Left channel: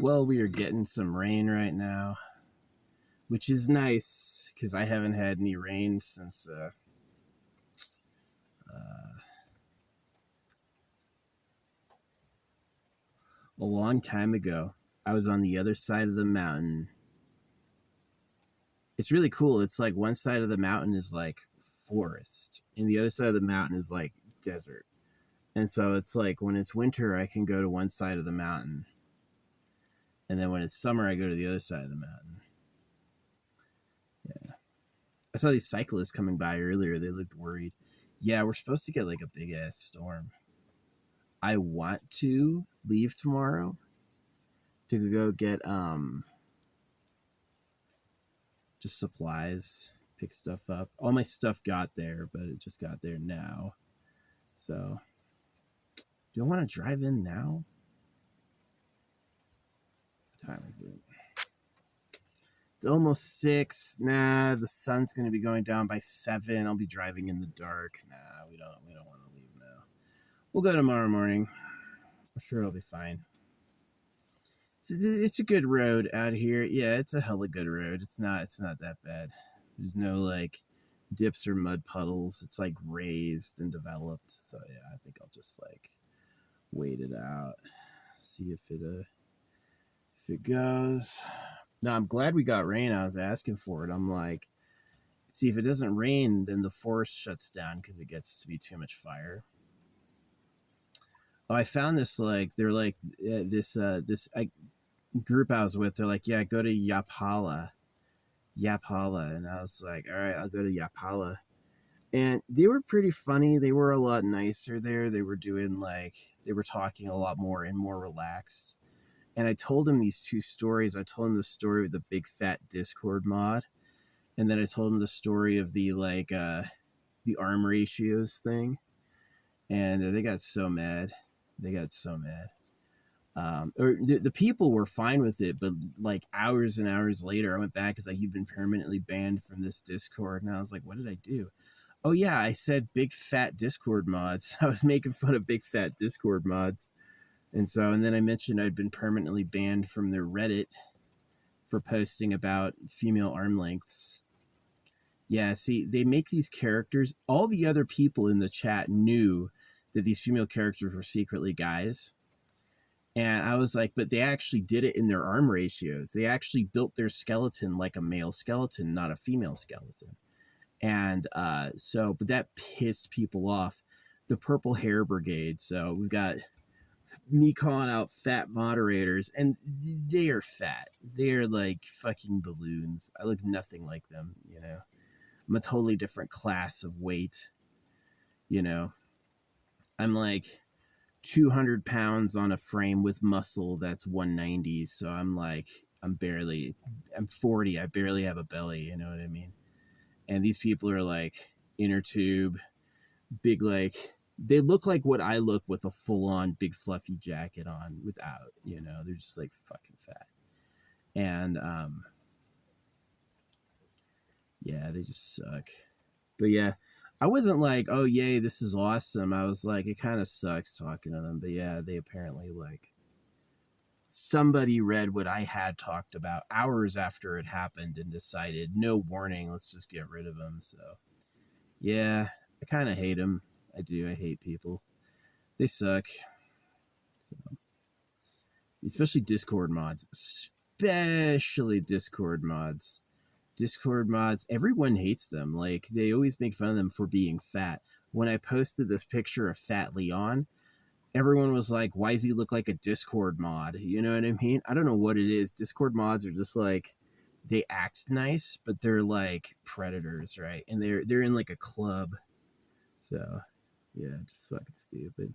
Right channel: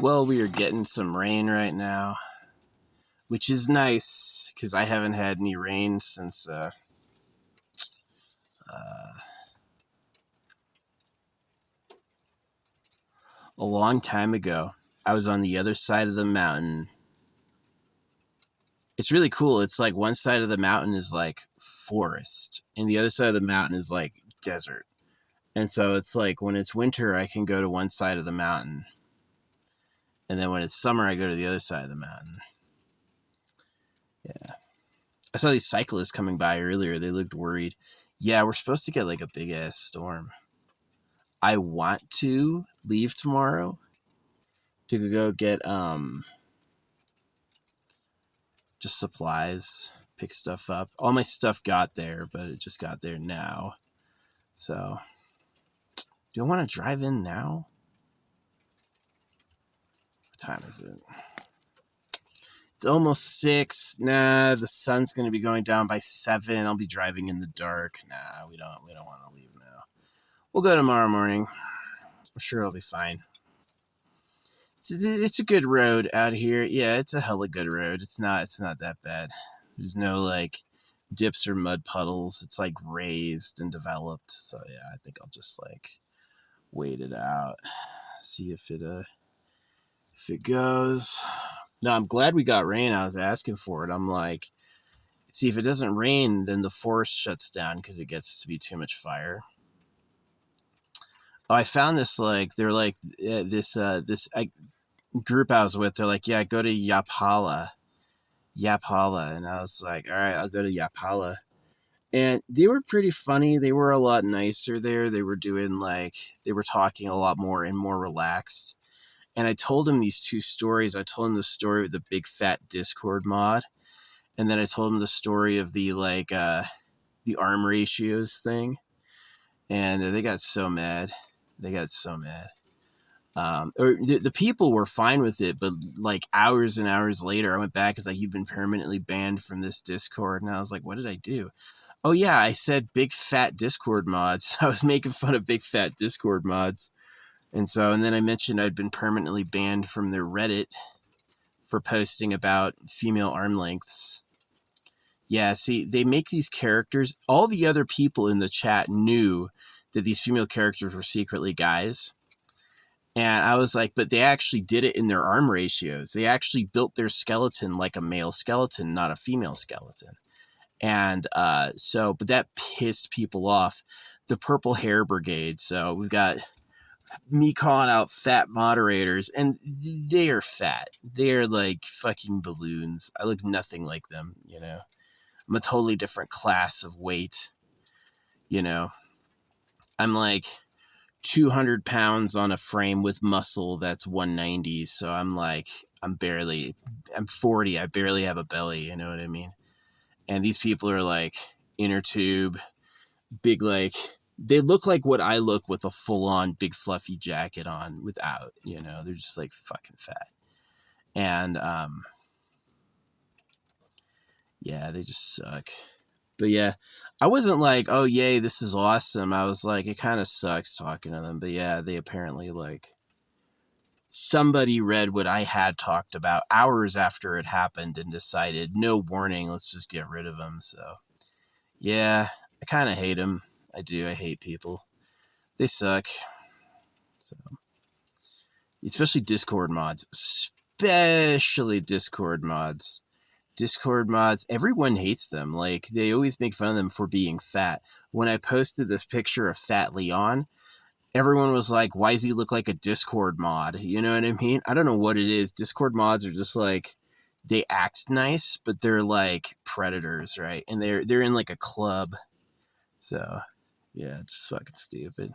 Well, we are getting some rain right now, which is nice because I haven't had any rain since a long time ago. I was on the other side of the mountain. It's really cool. It's like one side of the mountain is like forest, and the other side of the mountain is like desert. And so it's like when it's winter, I can go to one side of the mountain, and then when it's summer, I go to the other side of the mountain. Yeah. I saw these cyclists coming by earlier. They looked worried. Yeah, we're supposed to get like a big ass storm. I want to leave tomorrow to go get just supplies, pick stuff up. All my stuff got there, but it just got there now. So, do I want to drive in now? What time is it? It's almost 6. Nah, the sun's gonna be going down by 7. I'll be driving in the dark. Nah, we don't want to leave now. We'll go tomorrow morning. I'm sure it'll be fine. It's a good road out here. Yeah, it's a hella good road. It's not that bad. There's no like dips or mud puddles. It's like raised and developed. So yeah, I think I'll just like wait it out. See if it goes. No, I'm glad we got rain. I was asking for it. I'm like, see, if it doesn't rain, then the forest shuts down because it gets to be too much fire. Oh, I found this like they're like this group I was with. They're like, yeah, go to Yapala, and I was like, all right, I'll go to Yapala. And they were pretty funny. They were a lot nicer there. They were doing like they were talking a lot more and more relaxed. And I told him these two stories. I told him the story of the big fat Discord mod, and then I told him the story of the like the arm ratios thing. And they got so mad. Or the people were fine with it, but like hours and hours later, I went back. It's like, you've been permanently banned from this Discord. And I was like, what did I do? Oh yeah, I said big fat Discord mods. I was making fun of big fat Discord mods. And then I mentioned I'd been permanently banned from their Reddit for posting about female arm lengths. Yeah, see, they make these characters. All the other people in the chat knew that these female characters were secretly guys. And I was like, but they actually did it in their arm ratios. They actually built their skeleton like a male skeleton, not a female skeleton. And but that pissed people off. The Purple Hair Brigade. So we've got me calling out fat moderators, and they are fat. They're like fucking balloons. I look nothing like them, you know. I'm a totally different class of weight, you know. I'm like 200 pounds on a frame with muscle that's 190. So I'm 40. I barely have a belly. You know what I mean? And these people are like inner tube, big, like they look like what I look with a full on big fluffy jacket on without, you know, they're just like fucking fat. And, yeah, they just suck. But yeah, I wasn't like, oh yay, this is awesome. I was like, it kind of sucks talking to them. But yeah, they apparently like somebody read what I had talked about hours after it happened and decided, no warning, let's just get rid of them. So yeah, I kind of hate them. I do. I hate people. They suck. So, especially Discord mods. Discord mods, everyone hates them. Like, they always make fun of them for being fat. When I posted this picture of Fat Leon, everyone was like, why does he look like a Discord mod? You know what I mean? I don't know what it is. Discord mods are just like, they act nice, but they're like predators, right? And they're in like a club. So, yeah, just fucking stupid.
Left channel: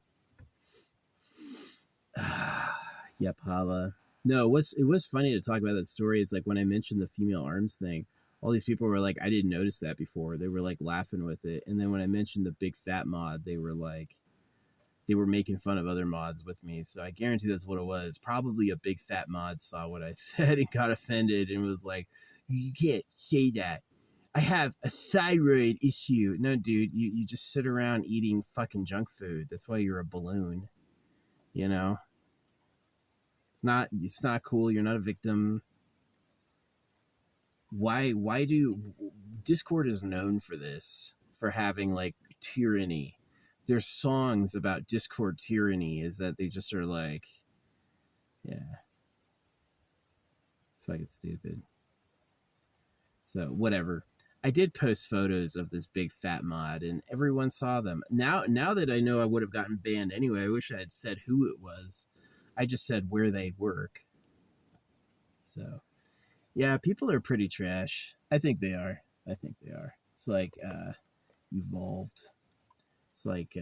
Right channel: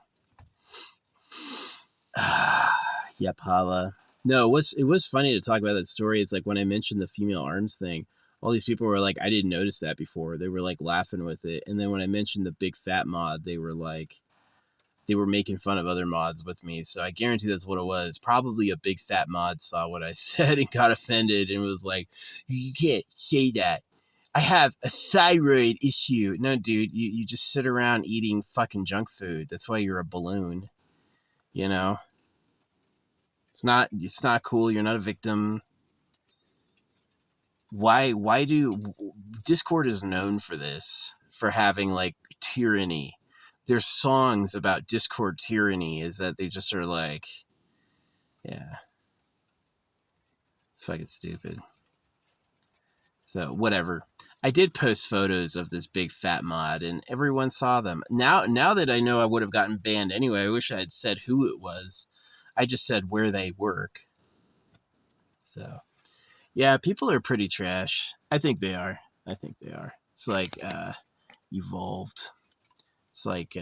Yep, Hala. No, it was funny to talk about that story. It's like when I mentioned the female arms thing, all these people were like, I didn't notice that before. They were like laughing with it. And then when I mentioned the big fat mod, they were making fun of other mods with me. So I guarantee that's what it was. Probably a big fat mod saw what I said and got offended and was like, you can't say that. I have a thyroid issue. No, dude, you just sit around eating fucking junk food. That's why you're a balloon, you know? It's not cool. You're not a victim. Why do Discord is known for this, for having like tyranny. There's songs about Discord tyranny, is that they just are like, yeah, it's fucking stupid. So whatever. I did post photos of this big fat mod and everyone saw them. Now that I know I would have gotten banned anyway, I wish I had said who it was. I just said where they work. So yeah, people are pretty trash. I think they are. It's like evolved. It's like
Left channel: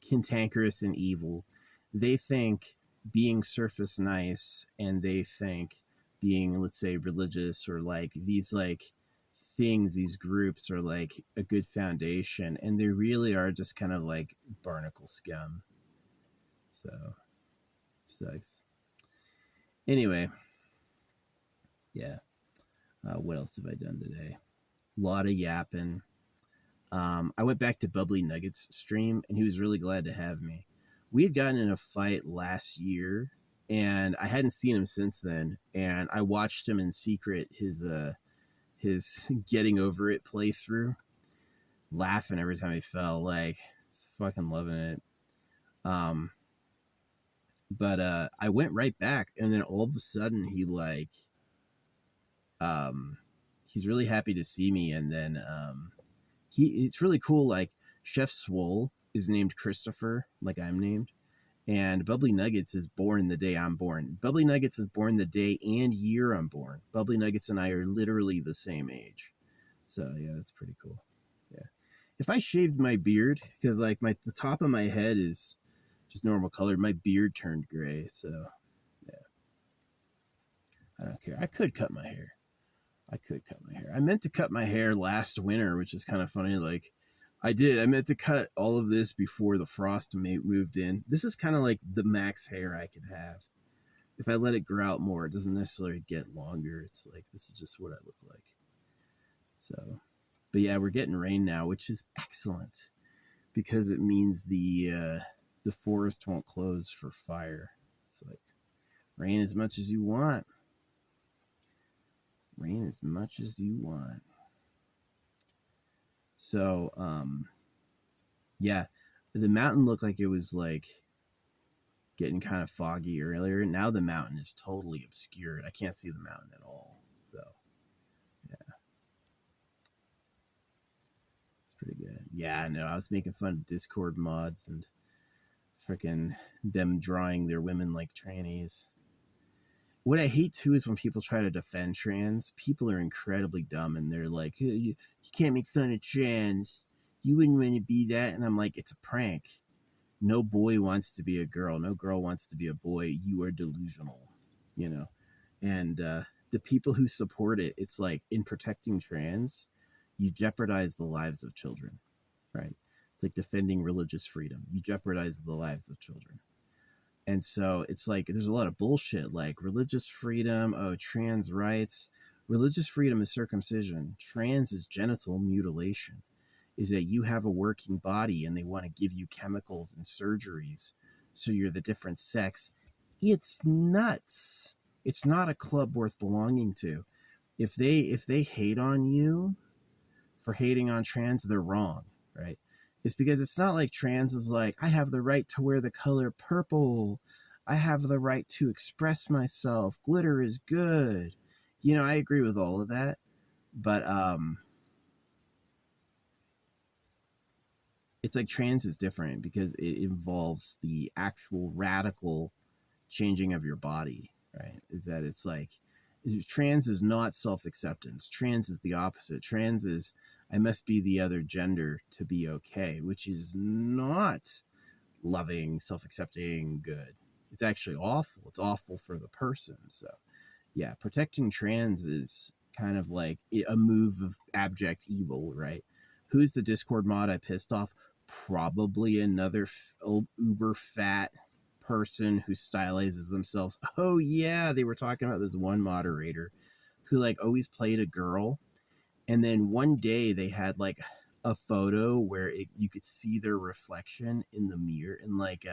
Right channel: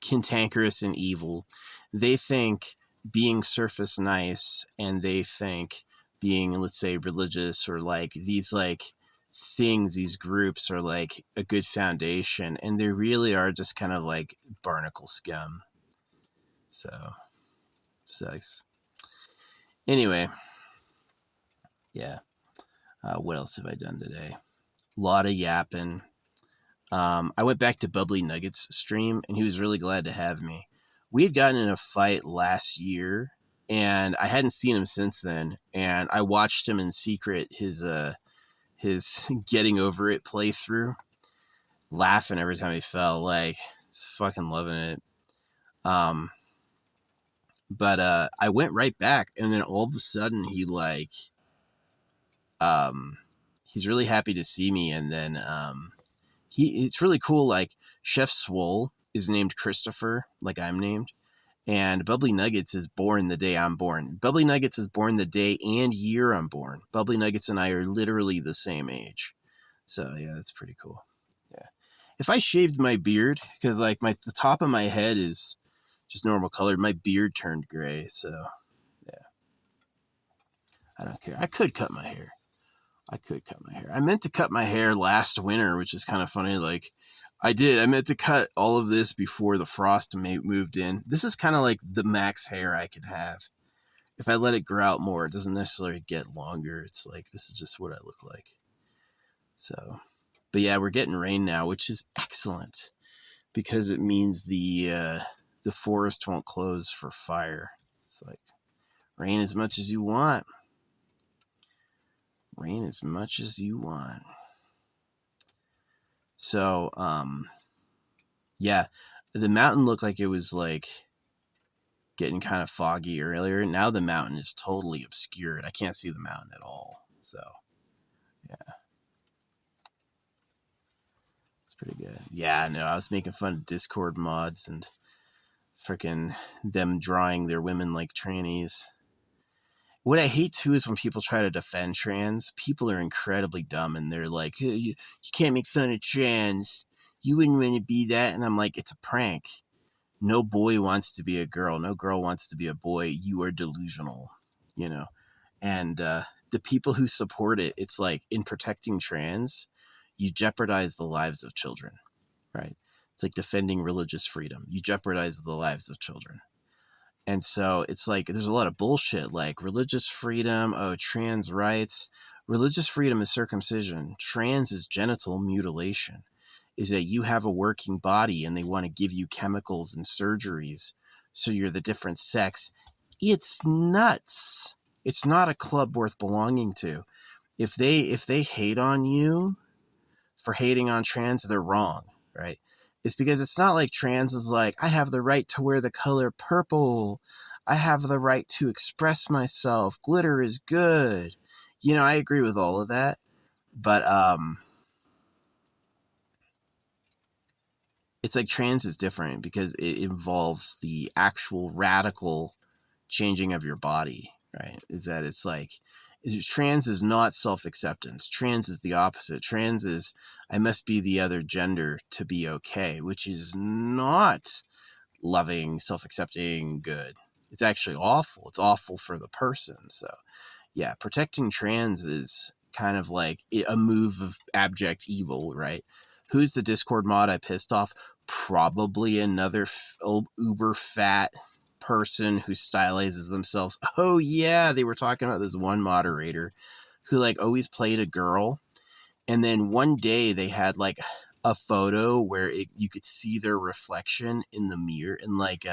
cantankerous and evil. They think being surface nice, and they think being, let's say, religious, or like these like things, these groups are like a good foundation, and they really are just kind of like barnacle scum. So sucks. Anyway, yeah. What else have I done today? A lot of yapping. I went back to Bubbly Nuggets stream, and he was really glad to have me. We had gotten in a fight last year, and I hadn't seen him since then. And I watched him in secret, his getting over it playthrough, laughing every time he fell. Like, just fucking loving it. But I went right back, and then all of a sudden he like, he's really happy to see me, and then it's really cool. Like, Chef Swole is named Christopher, like I'm named, and Bubbly Nuggets is born the day I'm born. Bubbly Nuggets is born the day and year I'm born. Bubbly Nuggets and I are literally the same age. So yeah, that's pretty cool. Yeah, if I shaved my beard, because like the top of my head is just normal color, my beard turned gray. So yeah, I don't care. I could cut my hair. I meant to cut my hair last winter, which is kind of funny. Like, I meant to cut all of this before the frost moved in. This is kind of like the max hair I could have. If I let it grow out more, it doesn't necessarily get longer. It's like, this is just what I look like. So, but yeah, we're getting rain now, which is excellent, because it means the forest won't close for fire. It's like, rain as much as you want. Rain as much as you want. So, yeah, the mountain looked like it was like getting kind of foggy earlier. Now the mountain is totally obscured. I can't see the mountain at all. So, yeah, it's pretty good. Yeah, no, I was making fun of Discord mods and freaking them drawing their women like trannies. What I hate too is when people try to defend trans. People are incredibly dumb, and they're like, you can't make fun of trans. You wouldn't want to be that. And I'm like, it's a prank. No boy wants to be a girl. No girl wants to be a boy. You are delusional, you know? And the people who support it, it's like, in protecting trans, you jeopardize the lives of children, right? It's like defending religious freedom. You jeopardize the lives of children. And so it's like, there's a lot of bullshit, like religious freedom, trans rights. Religious freedom is circumcision. Trans is genital mutilation. Is that you have a working body and they want to give you chemicals and surgeries so you're the different sex. It's nuts. It's not a club worth belonging to. If they hate on you for hating on trans, they're wrong, right? It's because it's not like trans is like, I have the right to wear the color purple. I have the right to express myself. Glitter is good. You know, I agree with all of that. But it's like trans is different because it involves the actual radical changing of your body, right? Is that it's like, trans is not self-acceptance. Trans is the opposite. Trans is, I must be the other gender to be okay, which is not loving, self-accepting, good. It's actually awful. It's awful for the person. So yeah, protecting trans is kind of like a move of abject evil, right? Who's the Discord mod I pissed off? Probably another uber fat person who stylizes themselves. Oh yeah, they were talking about this one moderator who like always played a girl, and then one day they had like a photo where you could see their reflection in the mirror, in like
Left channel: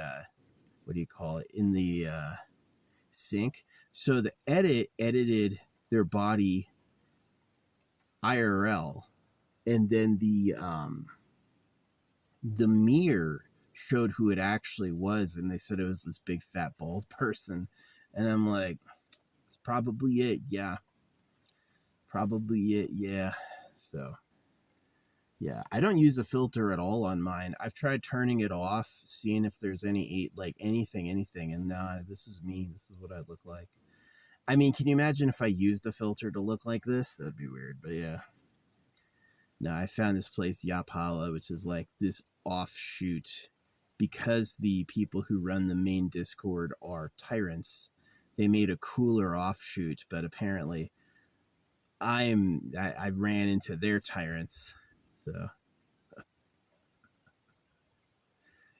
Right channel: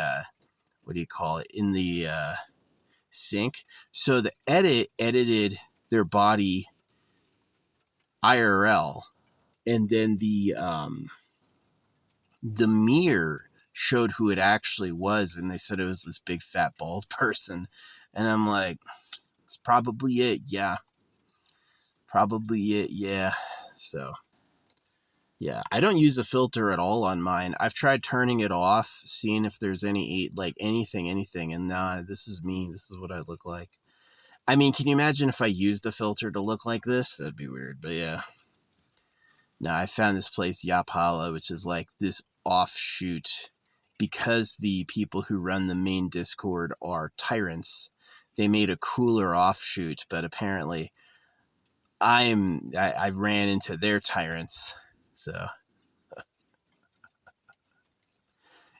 what do you call it, in the sync. So the edited their body IRL, and then the mirror showed who it actually was, and they said it was this big fat bald person. And I'm like, it's probably it. Yeah, probably it. Yeah. So yeah, I don't use a filter at all on mine. I've tried turning it off, seeing if there's any like anything, and nah, this is me. This is what I look like. I mean, can you imagine if I used a filter to look like this? That'd be weird. But yeah. No, I found this place, Yapala, which is like this offshoot, because the people who run the main Discord are tyrants. They made a cooler offshoot, but apparently I ran into their tyrants. So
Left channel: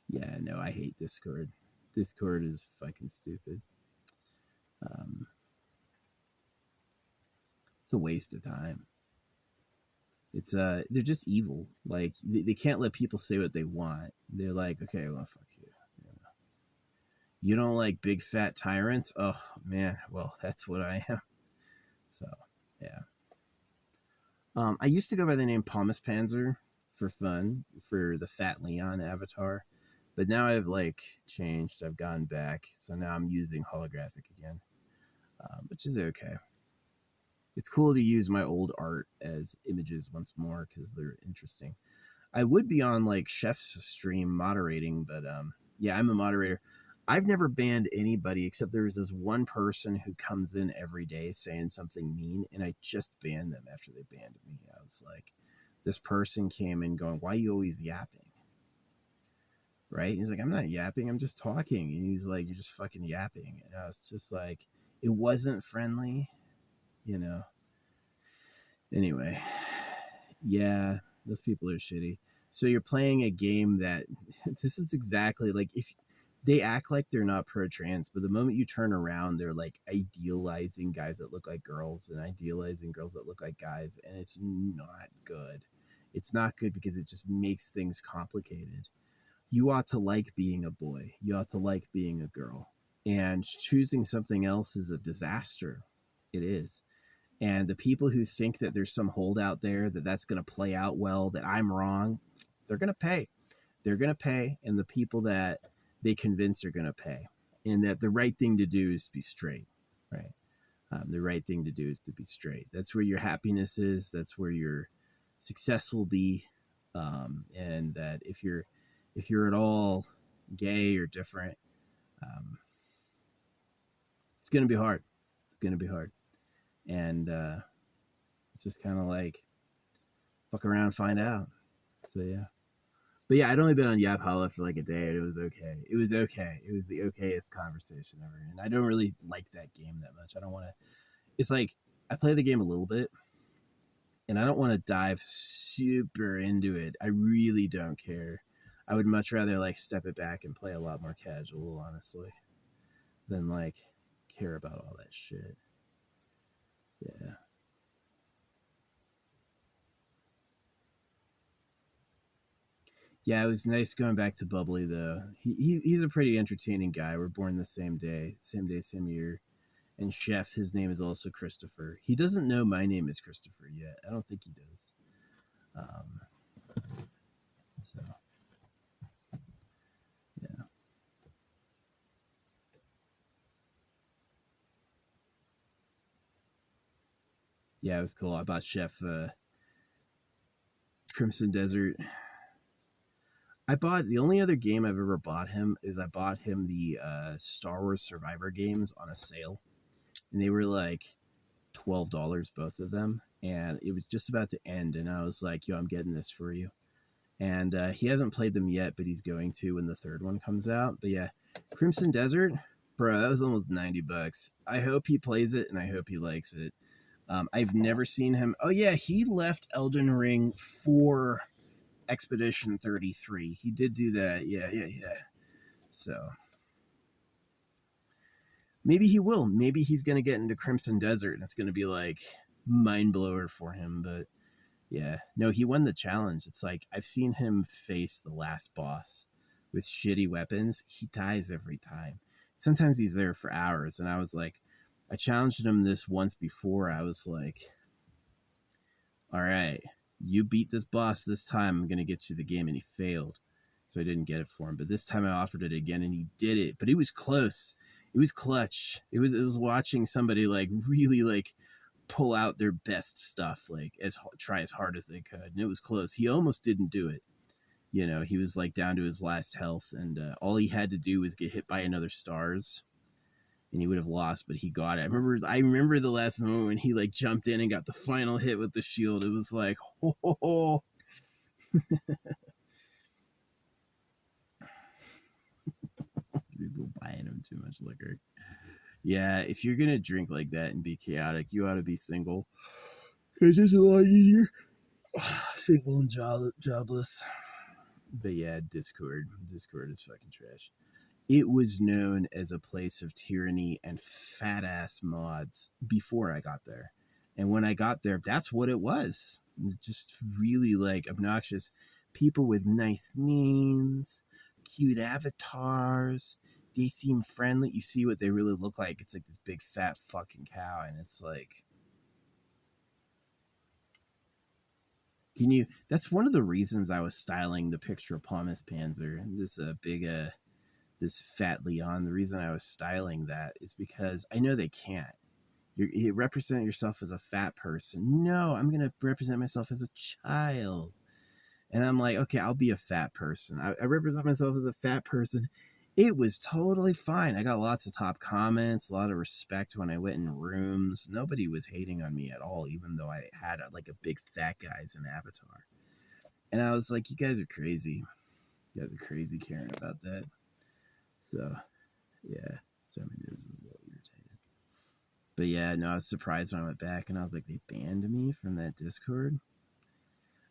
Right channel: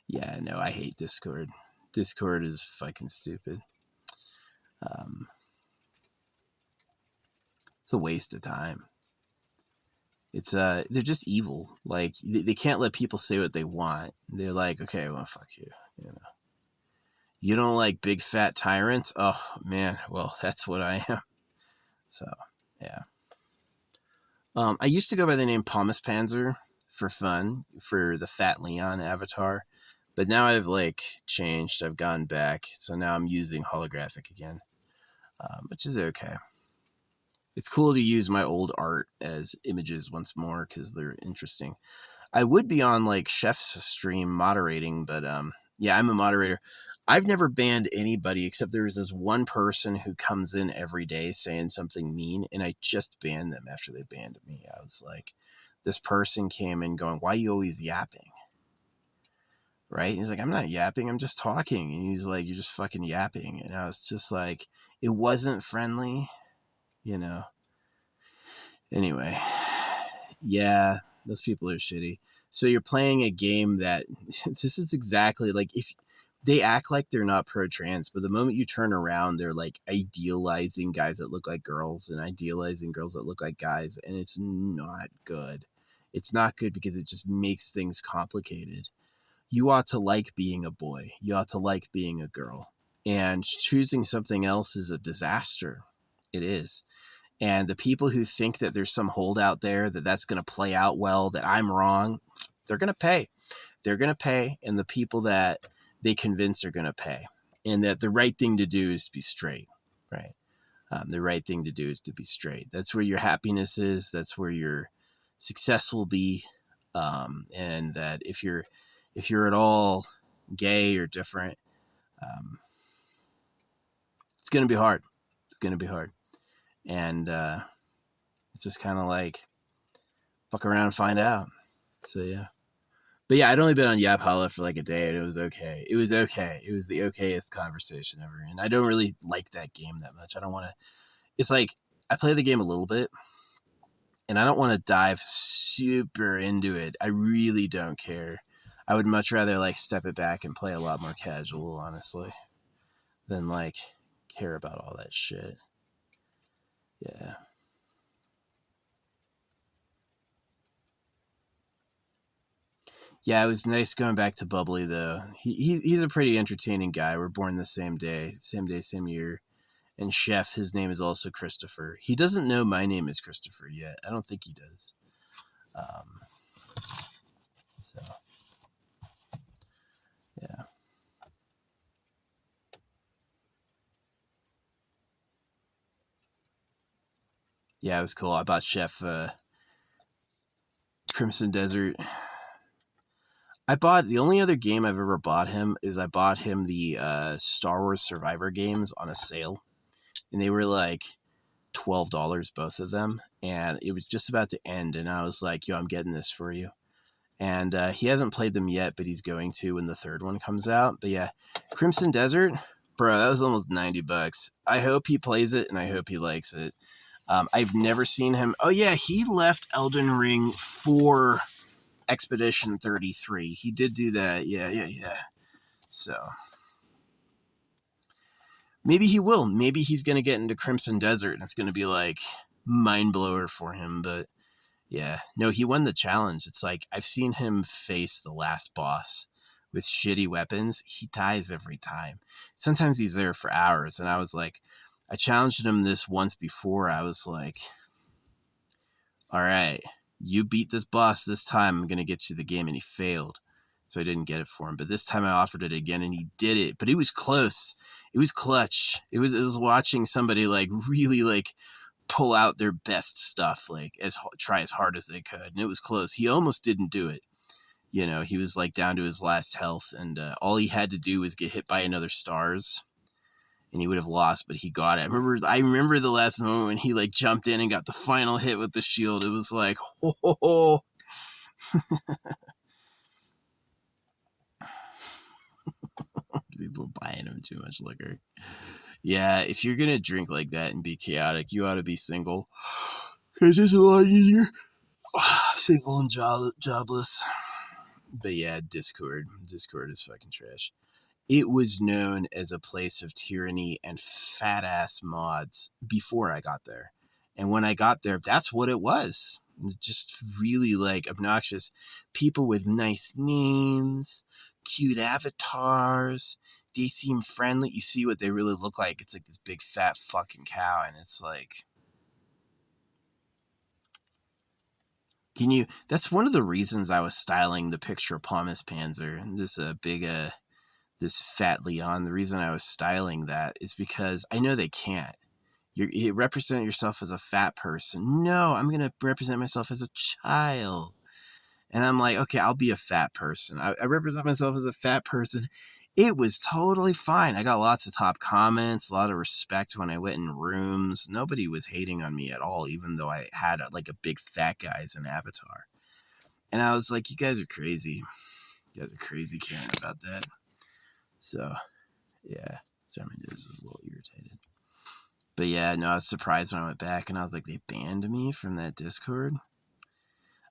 yeah, no, I hate Discord. Discord is fucking stupid. It's a waste of time. It's they're just evil. Like they can't let people say what they want. They're like, okay, well, fuck you. You know, you don't like big fat tyrants? Oh man, well, that's what I am. So yeah. I used to go by the name Pomus Panzer for fun, for the Fat Leon avatar, but now I've like changed. I've gone back, so now I'm using holographic again, which is okay. It's cool to use my old art as images once more because they're interesting. I would be on like Chef's stream moderating, but yeah, I'm a moderator. I've never banned anybody except there's this one person who comes in every day saying something mean, and I just banned them after they banned me. I was like, this person came in going, "Why are you always yapping?" Right? He's like, "I'm not yapping, I'm just talking." And he's like, "You're just fucking yapping." And I was just like, it wasn't friendly, you know. Anyway, yeah, those people are shitty. So you're playing a game that this is exactly like, if they act like they're not pro trans, but the moment you turn around, they're like idealizing guys that look like girls and idealizing girls that look like guys. And it's not good. It's not good because it just makes things complicated. You ought to like being a boy, you ought to like being a girl. And choosing something else is a disaster. It is. And the people who think that there's some holdout there, that that's going to play out well, that I'm wrong, they're going to pay. They're going to pay. And the people that they convince are going to pay. And that the right thing to do is to be straight, right? The right thing to do is to be straight. That's where your happiness is. That's where your success will be. And that if you're at all gay or different, it's going to be hard. It's going to be hard. And it's just kind of like, fuck around and find out. So yeah. But yeah, I'd only been on Yapala for like a day, and it was okay. It was okay. It was the okayest conversation ever. And I don't really like that game that much. I don't want to. It's like, I play the game a little bit, and I don't want to dive super into it. I really don't care. I would much rather like step it back and play a lot more casual, honestly, than like care about all that shit. Yeah. Yeah, it was nice going back to Bubbly though. He's a pretty entertaining guy. We're born the same day, same year. And Chef, his name is also Christopher. He doesn't know my name is Christopher yet. I don't think he does. So yeah, yeah, it was cool. I bought Chef Crimson Desert. I bought, the only other game I've ever bought him is I bought him the Star Wars Survivor games on a sale, and they were like $12 both of them, and it was just about to end, and I was like, yo, I'm getting this for you. And he hasn't played them yet, but he's going to when the third one comes out. But yeah, Crimson Desert, bro, that was almost $90. I hope he plays it, and I hope he likes it. I've never seen him. Oh yeah, he left Elden Ring for Expedition 33. He did do that. Yeah. So maybe he will. Maybe he's going to get into Crimson Desert, and it's going to be like mind blower for him. But Yeah. No, he won the challenge. It's like I've seen him face the last boss with shitty weapons. He dies every time. Sometimes he's there for hours. And I was like, I challenged him this once before. I was like, all right, you beat this boss this time. I'm going to get you the game. And he failed. So I didn't get it for him. But this time I offered it again and he did it. But it was close. It was clutch. It was watching somebody like really like pull out their best stuff, like try as hard as they could. And it was close. He almost didn't do it. You know, he was like down to his last health, and all he had to do was get hit by another stars, and he would have lost. But he got it. I remember the last moment when he like jumped in and got the final hit with the shield. It was like, ho, ho, ho. People buying him too much liquor. Yeah, if you're gonna drink like that and be chaotic, you ought to be single. It's just a lot easier. Single and jobless. But yeah, Discord is fucking trash. It was known as a place of tyranny and fat ass mods before I got there. And when I got there, that's what it was. Just really like obnoxious people with nice names, cute avatars. They seem friendly. You see what they really look like. It's like this big fat fucking cow. And it's like, that's one of the reasons I was styling the picture of Palmas Panzer, this fat Leon. The reason I was styling that is because I know they can't. You represent yourself as a fat person. No, I'm going to represent myself as a child. And I'm like, okay, I'll be a fat person. I represent myself as a fat person. It was totally fine. I got lots of top comments, a lot of respect when I went in rooms. Nobody was hating on me at all, even though I had a big fat guy as an avatar. And I was like, you guys are crazy. You guys are crazy caring about that. So, yeah. Sorry, my nose is a little irritated. But yeah, no, I was surprised when I went back and I was like, they banned me from that Discord.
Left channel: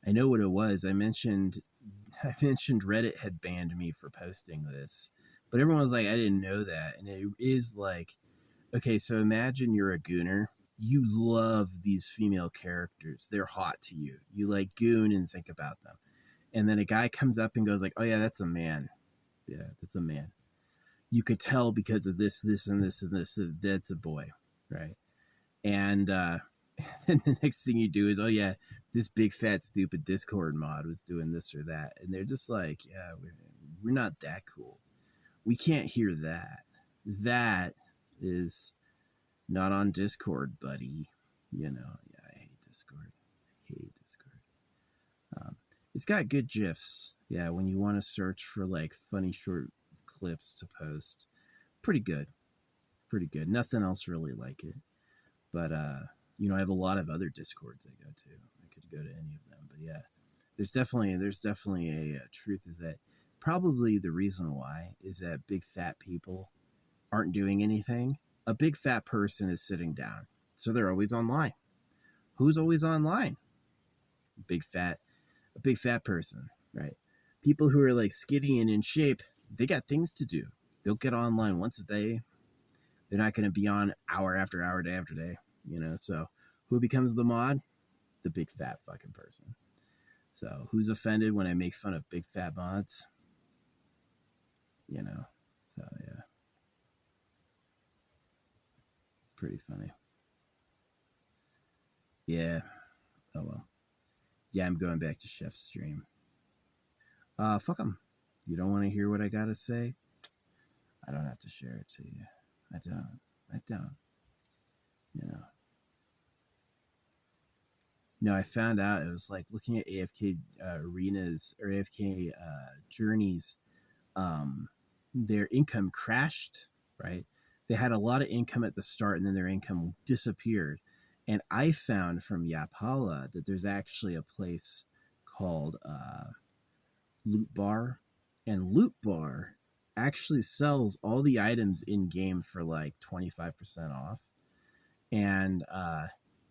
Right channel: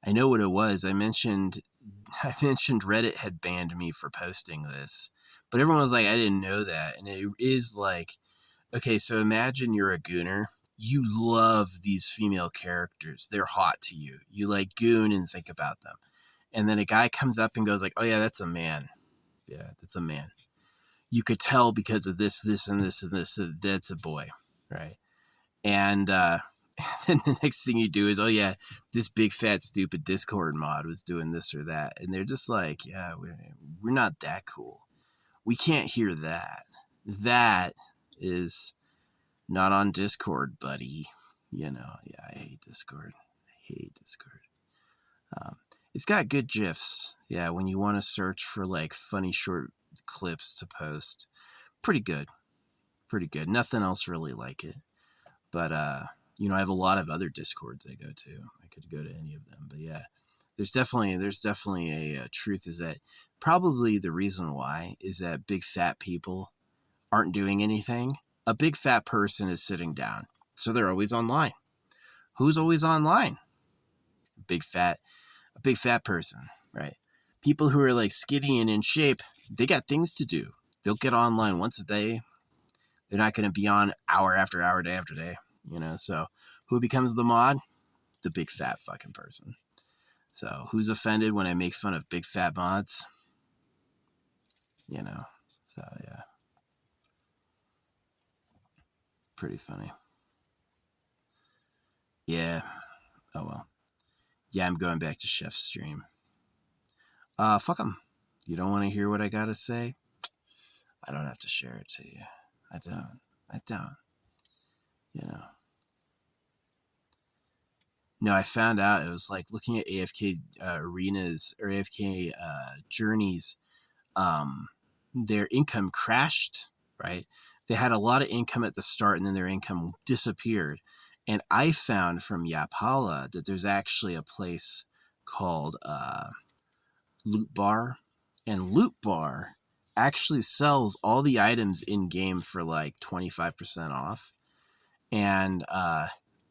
I know what it was. I mentioned Reddit had banned me for posting this, but everyone was like, I didn't know that. And it is like, okay, so imagine you're a gooner. You love these female characters. They're hot to you. You like goon and think about them. And then a guy comes up and goes like, oh yeah, that's a man. Yeah, that's a man. You could tell because of this, and this, and this, that's a boy. Right. And then the next thing you do is, oh yeah, this big fat stupid Discord mod was doing this or that. And they're just like, yeah, we're not that cool. We can't hear that. That is not on Discord, buddy. You know, yeah, I hate Discord. Um, it's got good GIFs. Yeah, when you want to search for like funny short clips to post. Pretty good. Nothing else really like it. But I have a lot of other Discords I go to. I could go to any of them. But yeah, there's definitely a truth is that probably the reason why is that big fat people aren't doing anything. A big fat person is sitting down, so they're always online. Who's always online? A big fat person, right? People who are like skinny and in shape, they got things to do. They'll get online once a day. They're not going to be on hour after hour, day after day. So who becomes the mod? The big fat fucking person. So who's offended when I make fun of big fat mods? So yeah, pretty funny. Yeah. Oh well. Yeah, I'm going back to Chef's stream. Fuck him. You don't want to hear what I gotta say? I don't have to share it to you. I don't. You know. No, I found out it was like looking at AFK arenas or AFK journeys. Their income crashed, right? They had a lot of income at the start and then their income disappeared. And I found from Yapala that there's actually a place called Loot Bar. And Loot Bar actually sells all the items in game for like 25% off. And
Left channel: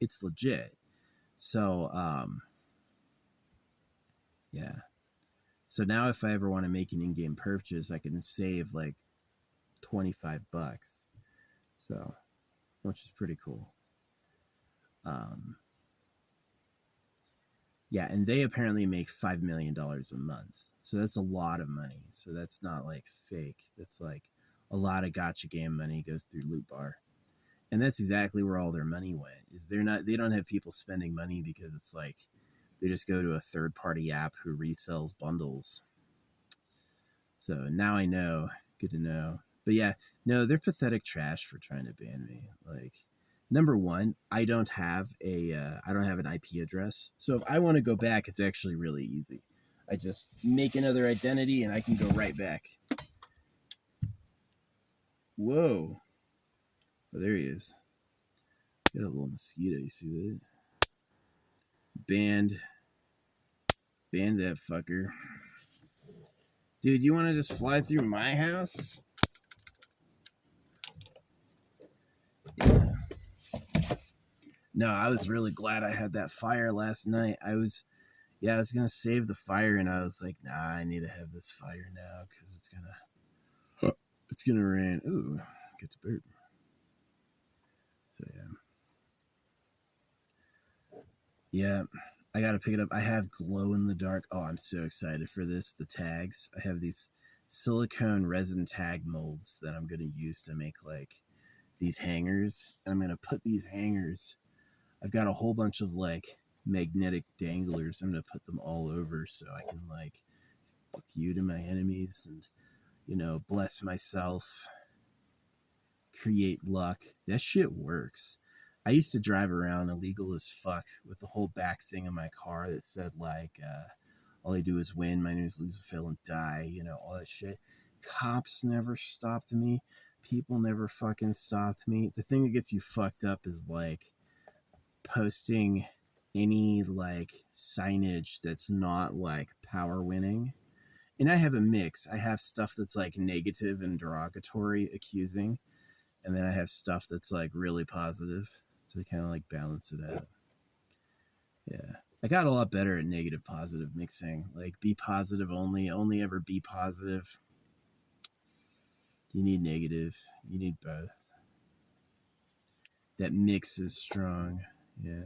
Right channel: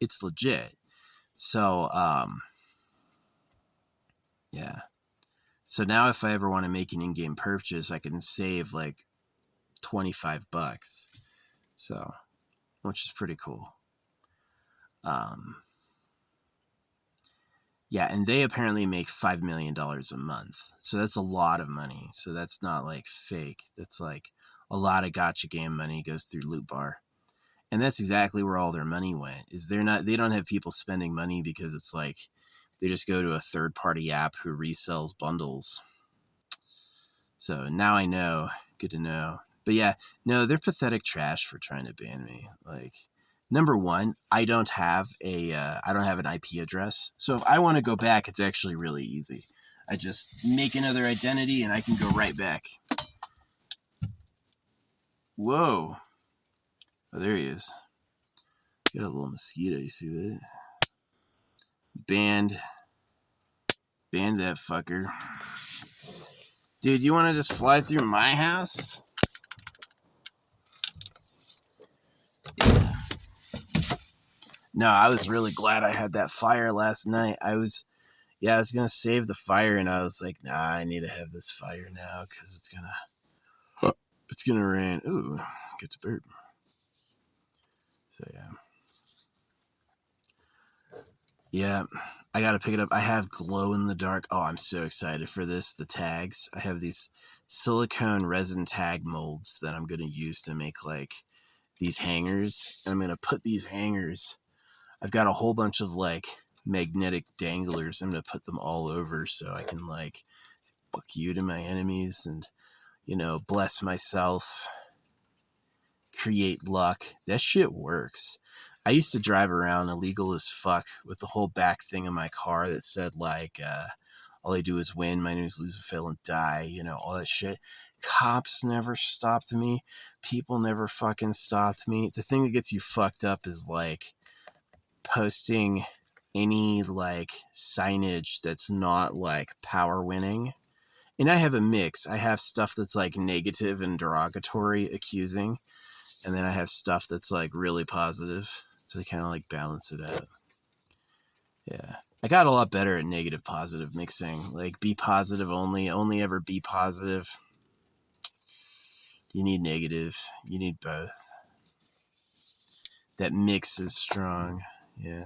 it's legit. So, yeah. So now if I ever want to make an in-game purchase, I can save like $25. So, which is pretty cool. Um, Yeah, and they apparently make $5 million a month. So that's a lot of money. So that's not like fake. That's like a lot of gotcha game money goes through Loot Bar. And that's exactly where all their money went. Is they don't have people spending money because it's like they just go to a third party app who resells bundles. So now I know. Good to know. But yeah, no, they're pathetic trash for trying to ban me. Like, number one, I don't have an IP address. So if I want to go back, it's actually really easy. I just make another identity and I can go right back. Whoa. Oh, there he is. Got a little mosquito. You see that? Banned that fucker. Dude, you want to just fly through my house? Yeah. No, I was really glad I had that fire last night. I was gonna save the fire, and I was like, nah, I need to have this fire now because it's gonna rain. Ooh, get to burp. So yeah, I gotta pick it up. I have glow in the dark. Oh, I'm so excited for this. The tags. I have these silicone resin tag molds that I'm gonna use to make like these hangers. And I'm gonna put these hangers. I've got a whole bunch of like magnetic danglers. I'm gonna put them all over so I can like fuck you to my enemies and, you know, bless myself, create luck. That shit works. I used to drive around illegal as fuck with the whole back thing of my car that said like all I do is win, my name is lose, fail, and die, you know, all that shit. Cops never stopped me. People never fucking stopped me. The thing that gets you fucked up is like posting any like signage that's not like power winning. And I have a mix. I have stuff that's like negative and derogatory, accusing, and then I have stuff that's like really positive to kind of like balance it out. Yeah. I got a lot better at negative positive mixing. Like be positive only ever be positive. You need negative. You need both. That mix is strong. Yeah.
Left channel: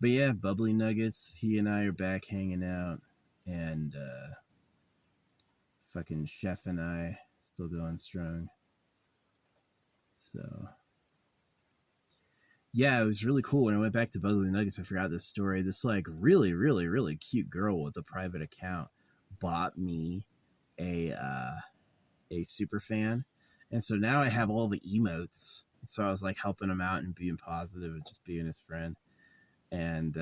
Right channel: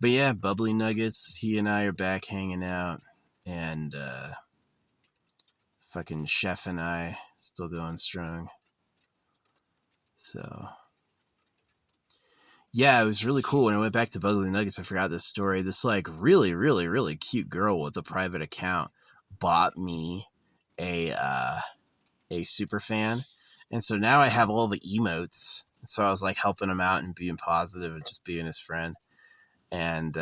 But yeah, Bubbly Nuggets, he and I are back hanging out, and fucking Chef and I still going strong. So yeah, it was really cool. When I went back to Bubbly Nuggets, I forgot this story. This like really, really, really cute girl with a private account bought me a super fan, and so now I have all the emotes. So I was like helping him out and being positive and just being his friend, and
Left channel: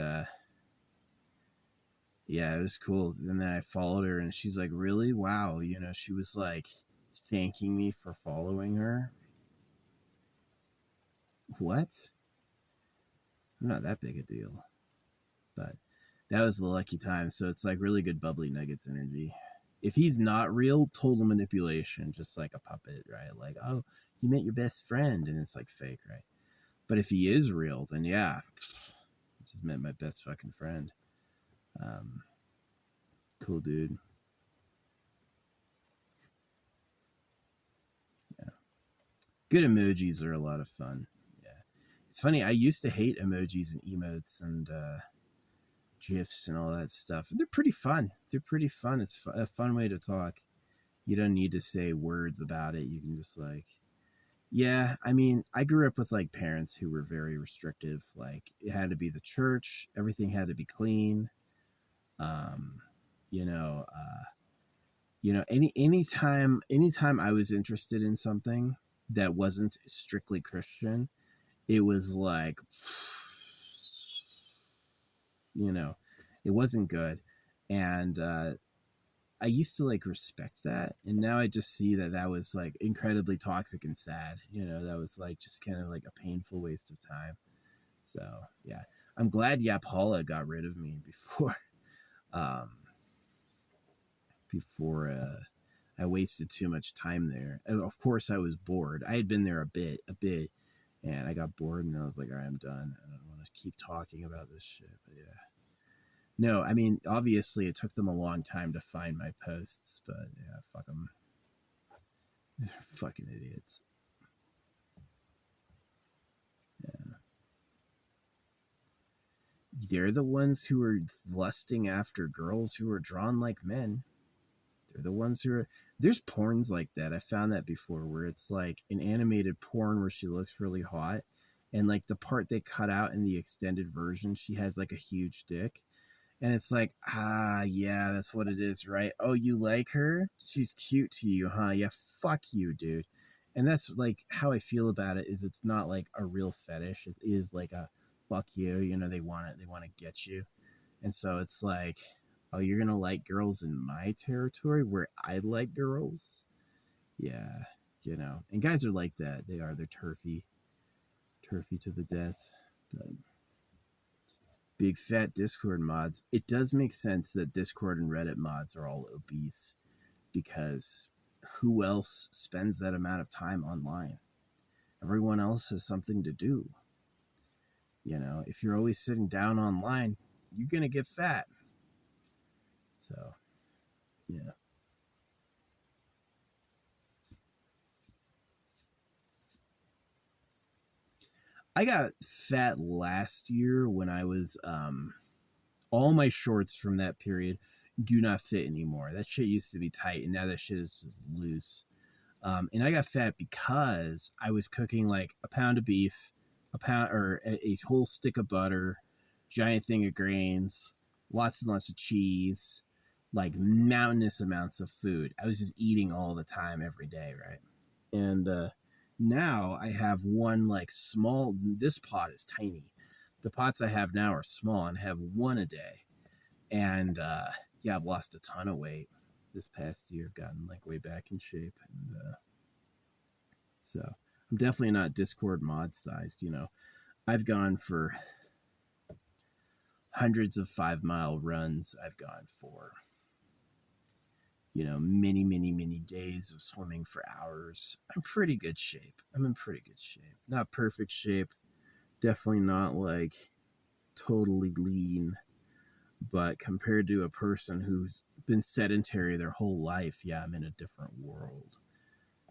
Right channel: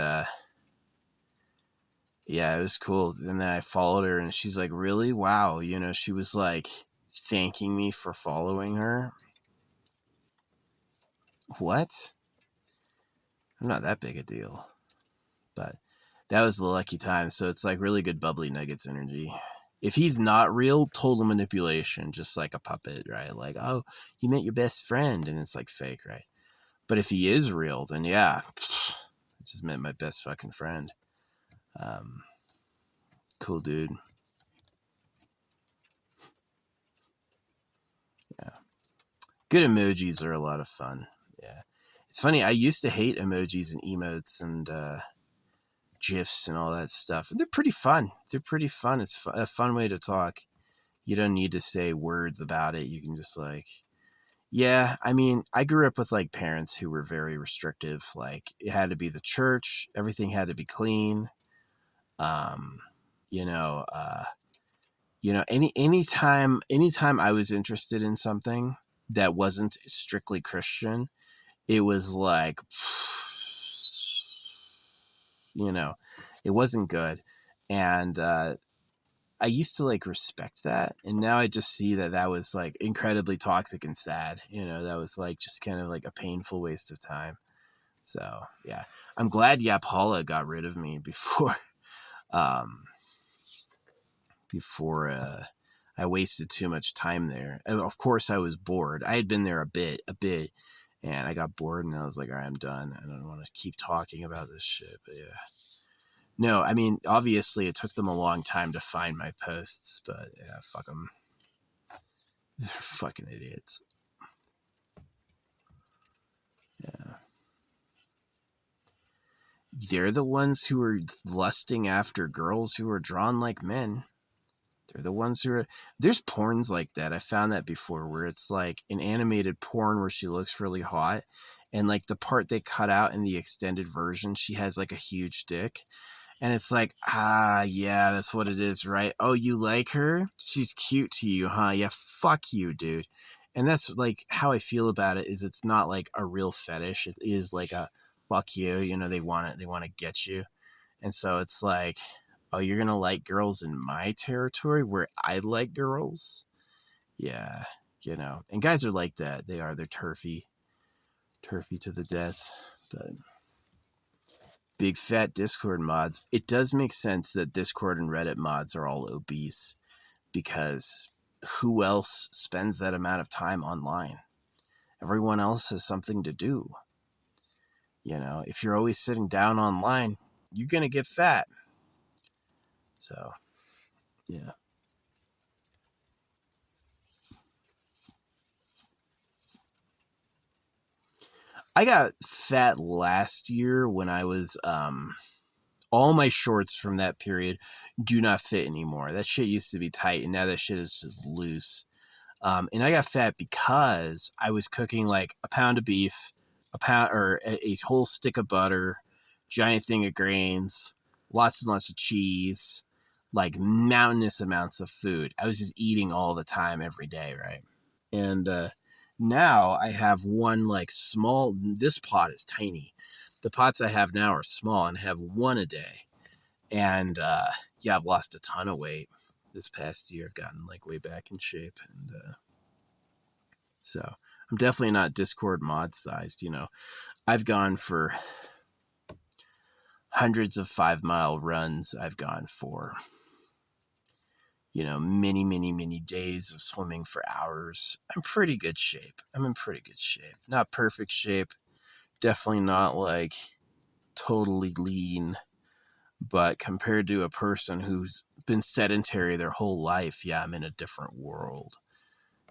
yeah, it was cool. And then I followed her, and she's like, "Really? Wow!" You know, she was like thanking me for following her. What? I'm not that big a deal, but that was the lucky time. So it's like really good Bubbly Nuggets energy. If he's not real, total manipulation, just like a puppet, right? Like, oh, you met your best friend, and it's like fake, right? But if he is real, then yeah, I just met my best fucking friend. Um, cool dude. Yeah, good emojis are a lot of fun. Yeah, it's funny. I used to hate emojis and emotes and GIFs and all that stuff. They're pretty fun. They're pretty fun. It's a fun way to talk. You don't need to say words about it. You can just like, yeah, I mean, I grew up with like parents who were very restrictive. Like it had to be the church, everything had to be clean. Um, you know, anytime I was interested in something that wasn't strictly Christian, it was like, you know, it wasn't good. And I used to like respect that, and now I just see that that was like incredibly toxic and sad. You know, that was like just kind of like a painful waste of time. So yeah, I'm glad Yapala got rid of me before, um, before I wasted too much time there. And of course, I was bored. I had been there a bit, and I got bored, and I was like, all right, I'm done. I don't want to keep talking about this shit. But yeah. No, I mean, obviously, it took them a long time to find my posts, but yeah, fuck them. They're fucking idiots. Yeah. they're the ones who are lusting after girls who are drawn like men. They're the ones who are. There's porns like that. I found that before, where it's like an animated porn where she looks really hot, and like the part they cut out in the extended version, she has like a huge dick. And it's like, yeah, that's what it is, right? Oh, you like her? She's cute to you, huh? Yeah, fuck you, dude. And that's like how I feel about it. Is it's not like a real fetish. It is like a fuck you. You know, they want it. They want to get you. And so it's like, oh, you're gonna like girls in my territory where I like girls? Yeah, you know. And guys are like that. They are. They're turfy to the death. But big fat Discord mods. It does make sense that Discord and Reddit mods are all obese, because who else spends that amount of time online? Everyone else has something to do. You know, if you're always sitting down online, you're going to get fat. So, yeah. I got fat last year when I was, all my shorts from that period do not fit anymore. That shit used to be tight, and now that shit is just loose. And I got fat because I was cooking like a pound of beef, a whole stick of butter, giant thing of grains, lots and lots of cheese, like mountainous amounts of food. I was just eating all the time, every day, right? And now I have one like small. This pot is tiny. The pots I have now are small, and I have one a day. And yeah, I've lost a ton of weight this past year. I've gotten like way back in shape, and so I'm definitely not Discord mod sized. You know, I've gone for hundreds of 5 mile runs. I've gone for, you know, many days of swimming for hours. I'm pretty good shape. I'm in pretty good shape. Not perfect shape. Definitely not like totally lean. But compared to a person who's been sedentary their whole life, yeah, I'm in a different world,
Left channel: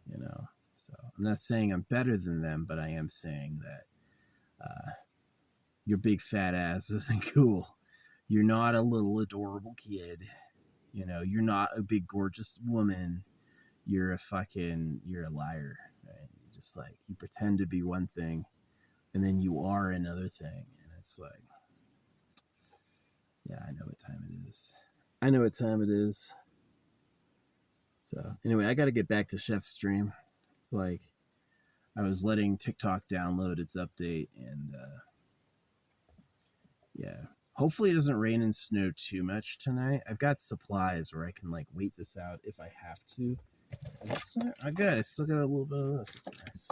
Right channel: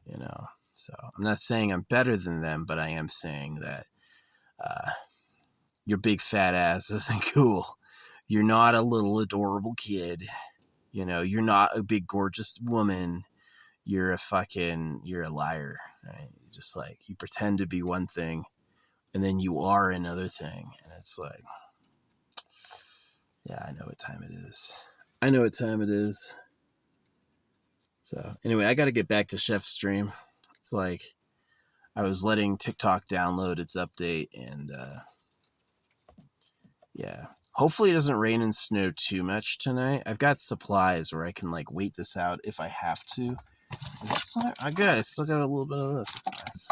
you know. So I'm not saying I'm better than them, but I am saying that your big fat ass isn't cool. You're not a little adorable kid. You know, you're not a big gorgeous woman. You're a liar, right? Just like you pretend to be one thing and then you are another thing. And it's like, yeah, I know what time it is. I know what time it is. So anyway, I got to get back to Chef's stream. It's like I was letting TikTok download its update, and yeah. Hopefully it doesn't rain and snow too much tonight. I've got supplies where I can like wait this out if I have to. I still got a little bit of this. It's nice.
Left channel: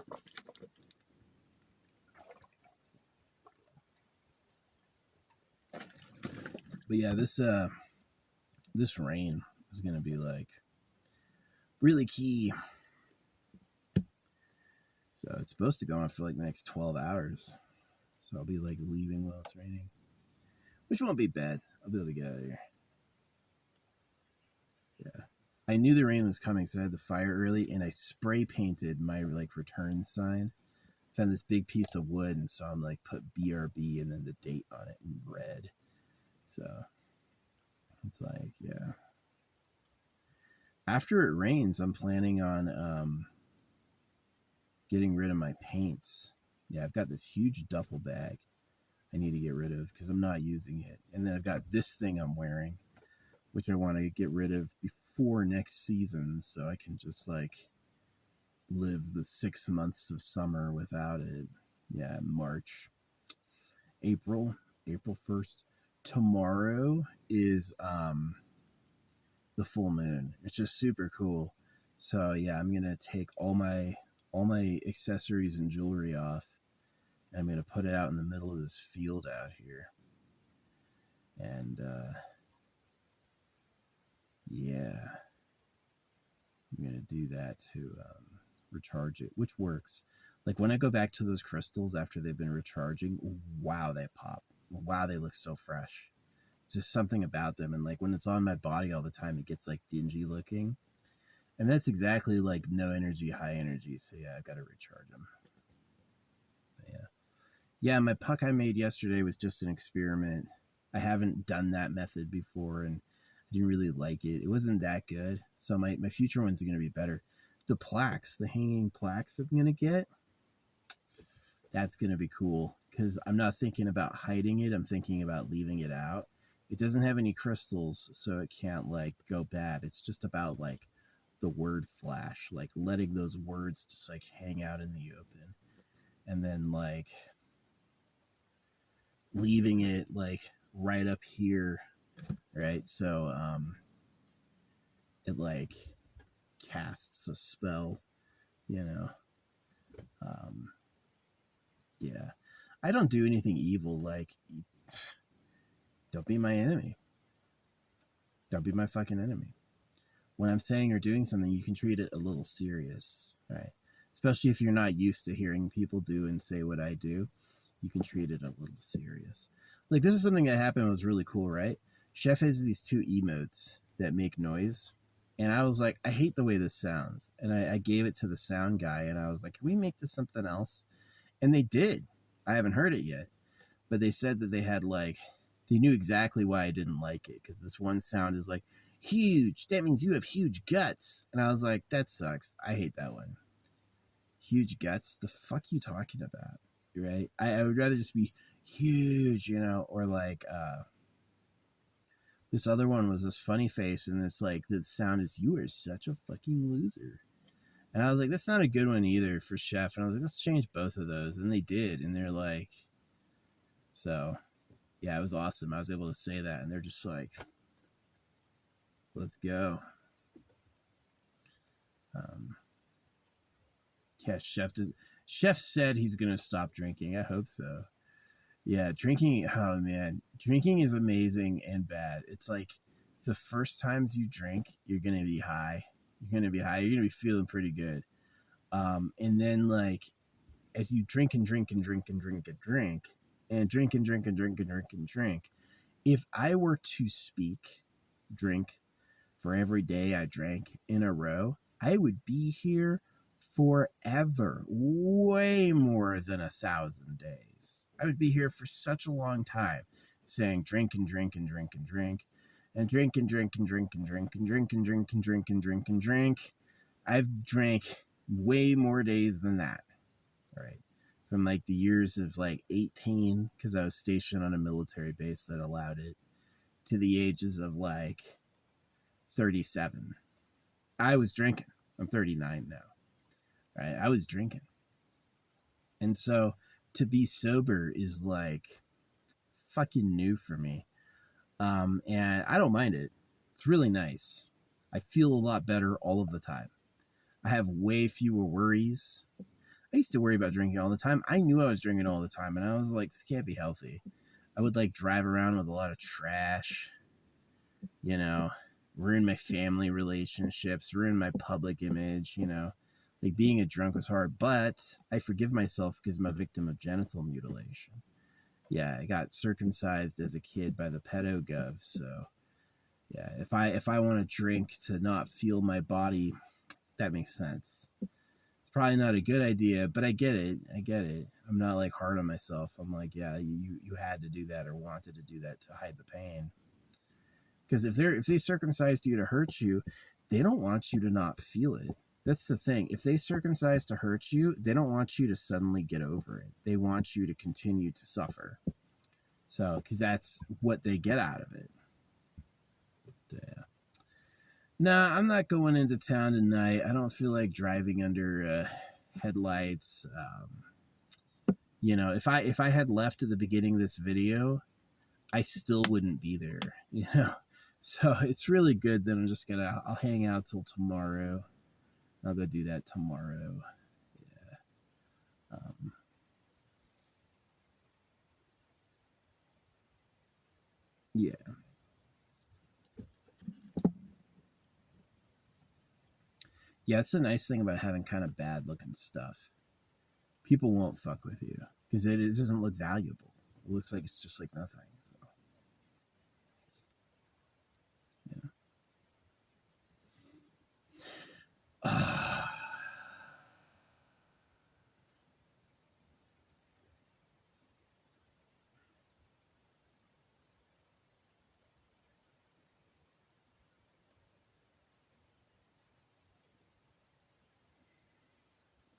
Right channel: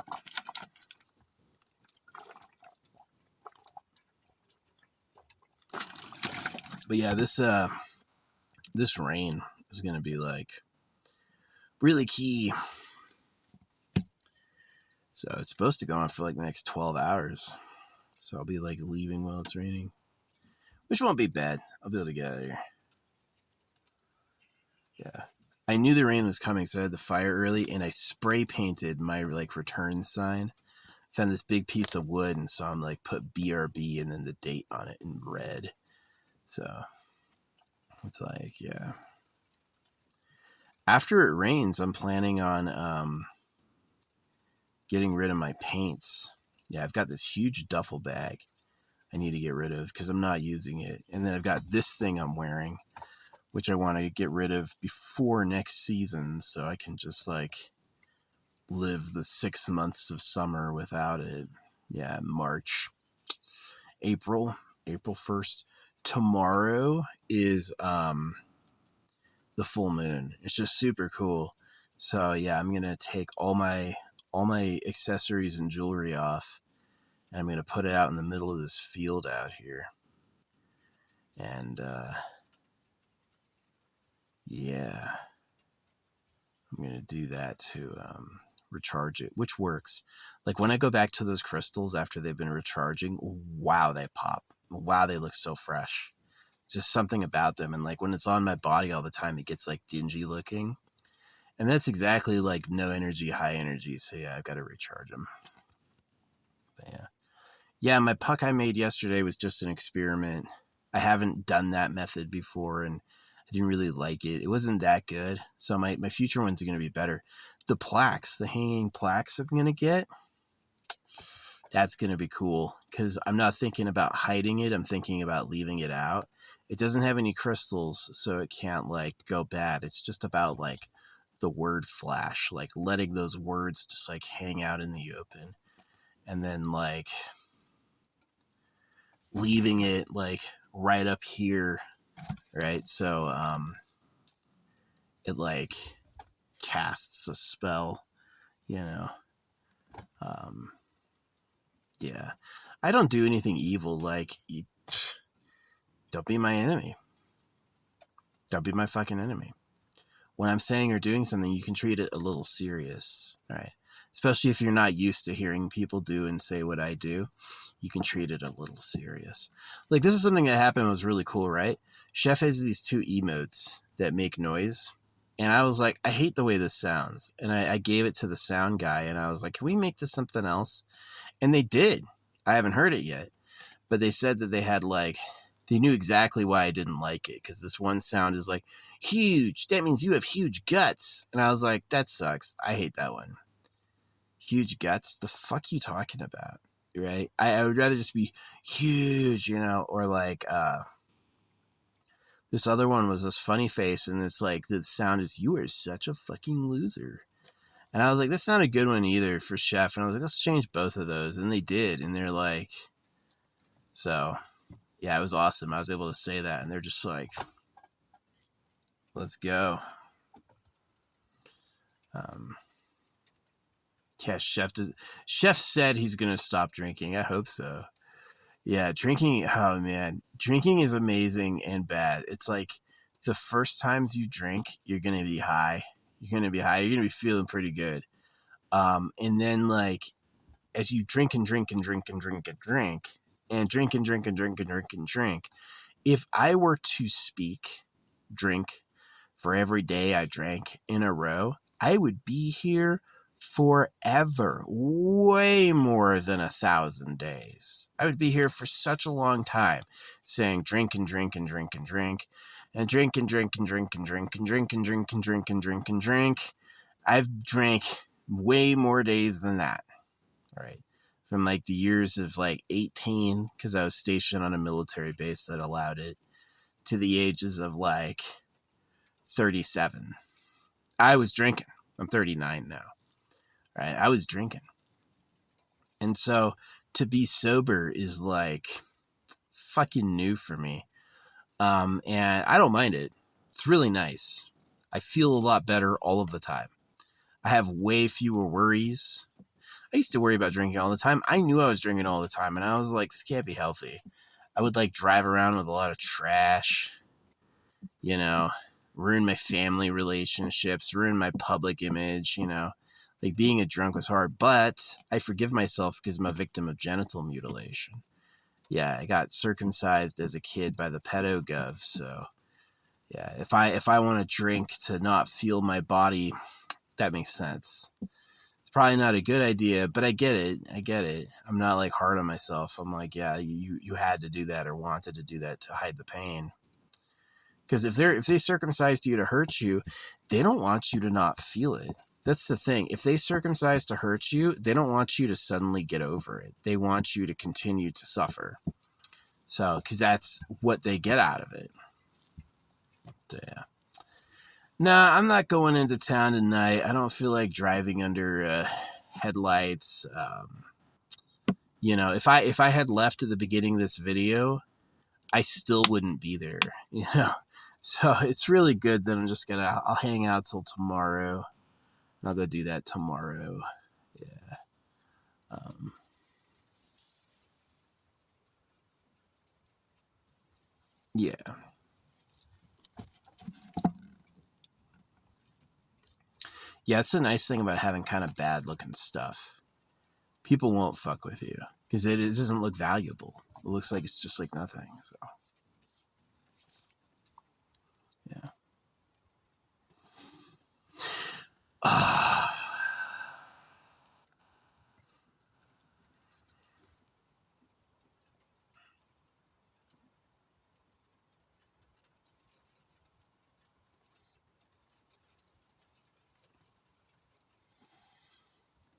But yeah, this rain is gonna be like really key. So it's supposed to go on for like the next 12 hours. So I'll be like leaving while it's raining, which won't be bad. I'll be able to get out of here. Yeah. I knew the rain was coming, so I had the fire early, and I spray painted my like return sign. Found this big piece of wood, and so I'm like put BRB and then the date on it in red. So it's like, yeah. After it rains, I'm planning on getting rid of my paints. Yeah, I've got this huge duffel bag I need to get rid of because I'm not using it. And then I've got this thing I'm wearing, which I want to get rid of before next season, so I can just like live the 6 months of summer without it. Yeah, March, April 1st. Tomorrow is the full moon. It's just super cool. So yeah, I'm gonna take all my accessories and jewelry off, and I'm gonna put it out in the middle of this field out here. And yeah, I'm gonna do that to recharge it, which works. Like when I go back to those crystals after they've been recharging, wow, they pop. Wow, they look so fresh. Just something about them. And like when it's on my body all the time, it gets like dingy looking. And that's exactly like no energy, high energy. So yeah, I've got to recharge them. But yeah. Yeah, my puck I made yesterday was just an experiment. I haven't done that method before, and I didn't really like it. It wasn't that good, so my future ones are going to be better. The plaques, the hanging plaques I'm going to get, that's going to be cool, because I'm not thinking about hiding it. I'm thinking about leaving it out. It doesn't have any crystals, so it can't, like, go bad. It's just about, like, the word flash, like, letting those words just, like, hang out in the open. And then, like, leaving it, like, right up here, right? So, it, like, casts a spell, you know? Um, yeah. I don't do anything evil, like, don't be my enemy. Don't be my fucking enemy. When I'm saying or doing something, you can treat it a little serious, right? Especially if you're not used to hearing people do and say what I do, you can treat it a little serious. Like, this is something that happened, was really cool, right? Chef has these 2 emotes that make noise. And I was like, I hate the way this sounds. And I gave it to the sound guy, and I was like, can we make this something else? And they did. I haven't heard it yet. But they said that they had, like, they knew exactly why I didn't like it. Because this one sound is like, huge. That means you have huge guts. And I was like, that sucks. I hate that one. Huge guts? The fuck you talking about? Right? I would rather just be huge, you know, or like, this other one was this funny face, and it's like, the sound is, you are such a fucking loser. And I was like, that's not a good one either for Chef. And I was like, let's change both of those. And they did. And they're like, so yeah, it was awesome. I was able to say that. And they're just like, let's go. Yeah, Chef said he's going to stop drinking. I hope so. Yeah, drinking, oh man, drinking is amazing and bad. It's like, the first times you drink, you're going to be high. You're going to be high. You're going to be feeling pretty good. And then, like, as you drink and drink and drink and drink and drink and drink and drink and drink and drink and drink, if I were to drink for every day I drank in a row, I would be here forever, way more than 1,000 days. I would be here for such a long time, saying drink and drink and drink and drink and drink and drink and drink and drink and drink and drink and drink and drink and drink. I've drank way more days than that, right? From, like, the years of, like, 18, because I was stationed on a military base that allowed it, to the ages of, like, 37. I was drinking. I'm 39 now, right? I was drinking. And so to be sober is, like, fucking new for me. And I don't mind it. It's really nice. I feel a lot better all of the time. I have way fewer worries. I used to worry about drinking all the time. I knew I was drinking all the time, and I was like, this can't be healthy. I would, like, drive around with a lot of trash, you know, ruin my family relationships, ruin my public image, you know. Like, being a drunk was hard, but I forgive myself because I'm a victim of genital mutilation. Yeah, I got circumcised as a kid by the pedo gov, so yeah, if I want to drink to not feel my body, that makes sense. It's probably not a good idea, but I get it. I'm not, like, hard on myself. I'm like, yeah, you had to do that or wanted to do that to hide the pain. Because if they circumcised you to hurt you, they don't want you to not feel it. That's the thing. If they circumcise to hurt you, they don't want you to suddenly get over it. They want you to continue to suffer. So, because that's what they get out of it. So, yeah. Nah, I'm not going into town tonight. I don't feel like driving under headlights. You know, if I had left at the beginning of this video, I still wouldn't be there, you know. So it's really good that I'll hang out till tomorrow. I'll go do that tomorrow. Yeah. Yeah. Yeah, it's a nice thing about having kind of bad looking stuff. People won't fuck with you because it doesn't look valuable. It looks like it's just like nothing. So, yeah.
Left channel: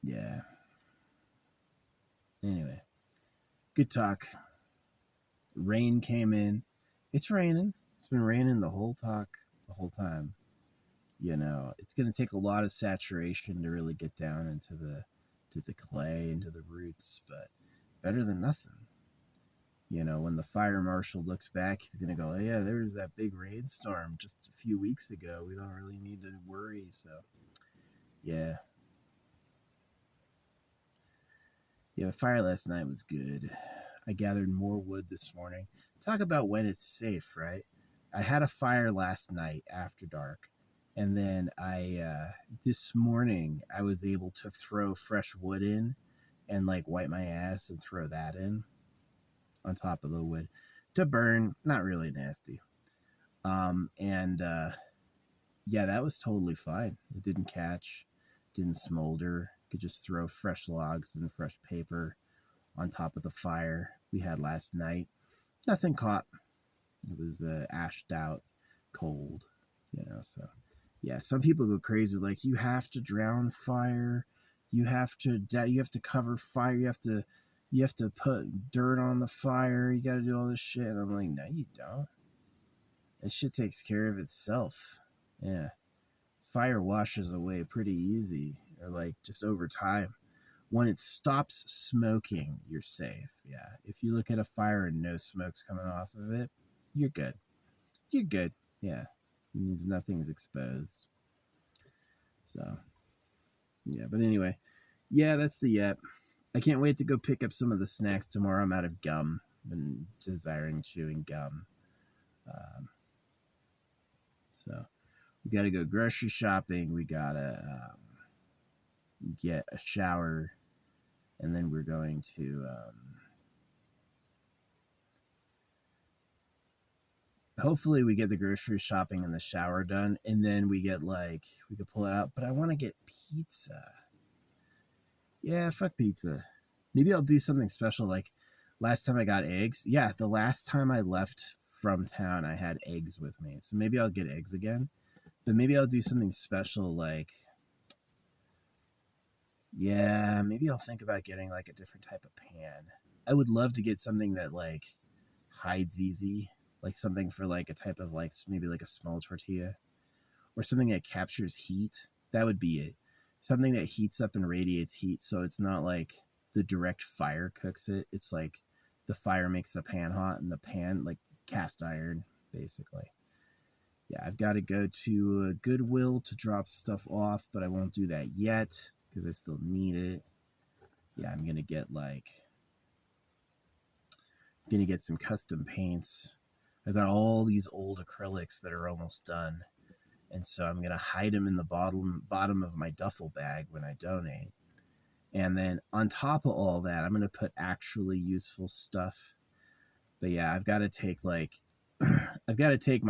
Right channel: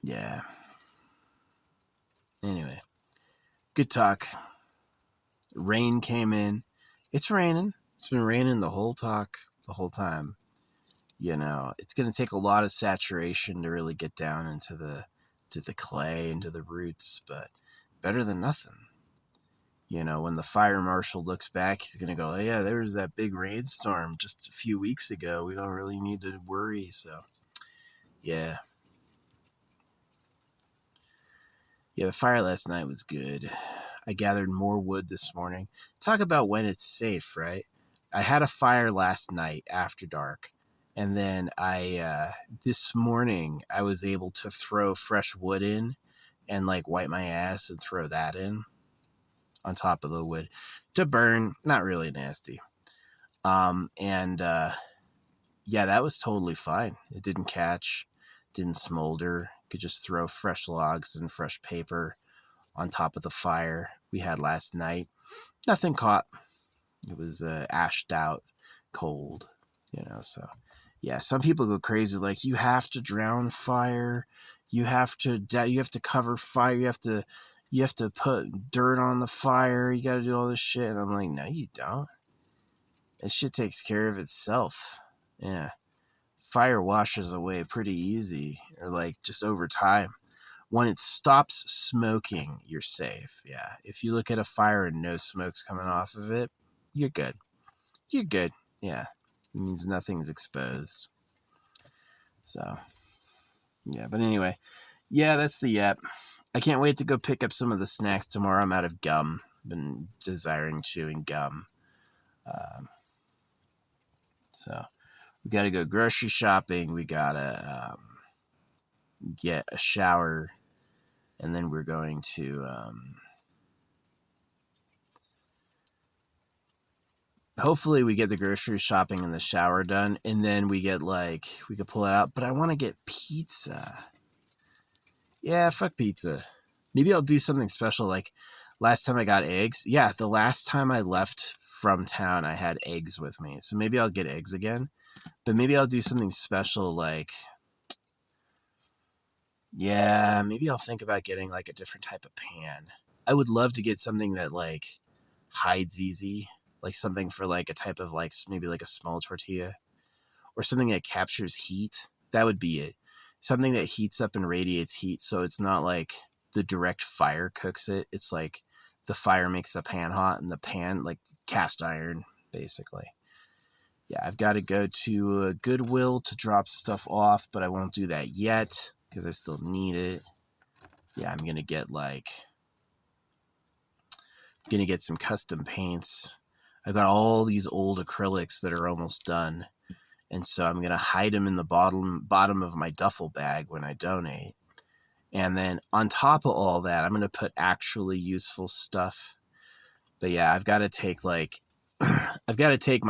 Yeah. Anyway, good talk. Rain came in. It's raining. It's been raining the whole time. You know, it's going to take a lot of saturation to really get down into the clay, into the roots, but better than nothing. You know, when the fire marshal looks back, he's going to go, oh, yeah, there was that big rainstorm just a few weeks ago. We don't really need to worry. So, yeah. Yeah, the fire last night was good. I gathered more wood this morning. Talk about when it's safe, right? I had a fire last night after dark. And then this morning, I was able to throw fresh wood in and like wipe my ass and throw that in on top of the wood to burn. Not really nasty. Yeah, that was totally fine. It didn't catch, didn't smolder. Could just throw fresh logs and fresh paper on top of the fire we had last night. Nothing caught. It was ashed out, cold, so yeah, some people go crazy like you have to drown fire, you have to cover fire, you have to put dirt on the fire, you got to do all this shit. And I'm like, no, you don't. This shit takes care of itself. Yeah. Fire washes away pretty easy, or like just over time. When it stops smoking, you're safe. Yeah. If you look at a fire and no smoke's coming off of it, you're good. You're good. Yeah. It means nothing's exposed. So, yeah. But anyway, yeah, that's the yap. I can't wait to go pick up some of the snacks tomorrow. I'm out of gum. Been desiring chewing gum. So, we got to go grocery shopping. We got to get a shower. And then we're going to hopefully we get the grocery shopping and the shower done, and then we could pull it out. But I want to get pizza. Yeah, fuck pizza. Maybe I'll do something special like last time I got eggs. Yeah, the last time I left from town, I had eggs with me. So maybe I'll get eggs again. But maybe I'll do something special like, yeah, maybe I'll think about getting like a different type of pan. I would love to get something that like hides easy, like something for like a type of like maybe like a small tortilla, or something that captures heat. That would be it. Something that heats up and radiates heat, so it's not like the direct fire cooks it. It's like the fire makes the pan hot, and the pan like cast iron basically. Yeah, I've got to go to Goodwill to drop stuff off, but I won't do that yet because I still need it. Yeah, I'm gonna get some custom paints. I've got all these old acrylics that are almost done, and so I'm gonna hide them in the bottom of my duffel bag when I donate. And then on top of all that, I'm gonna put actually useful stuff. But yeah, I've got to take my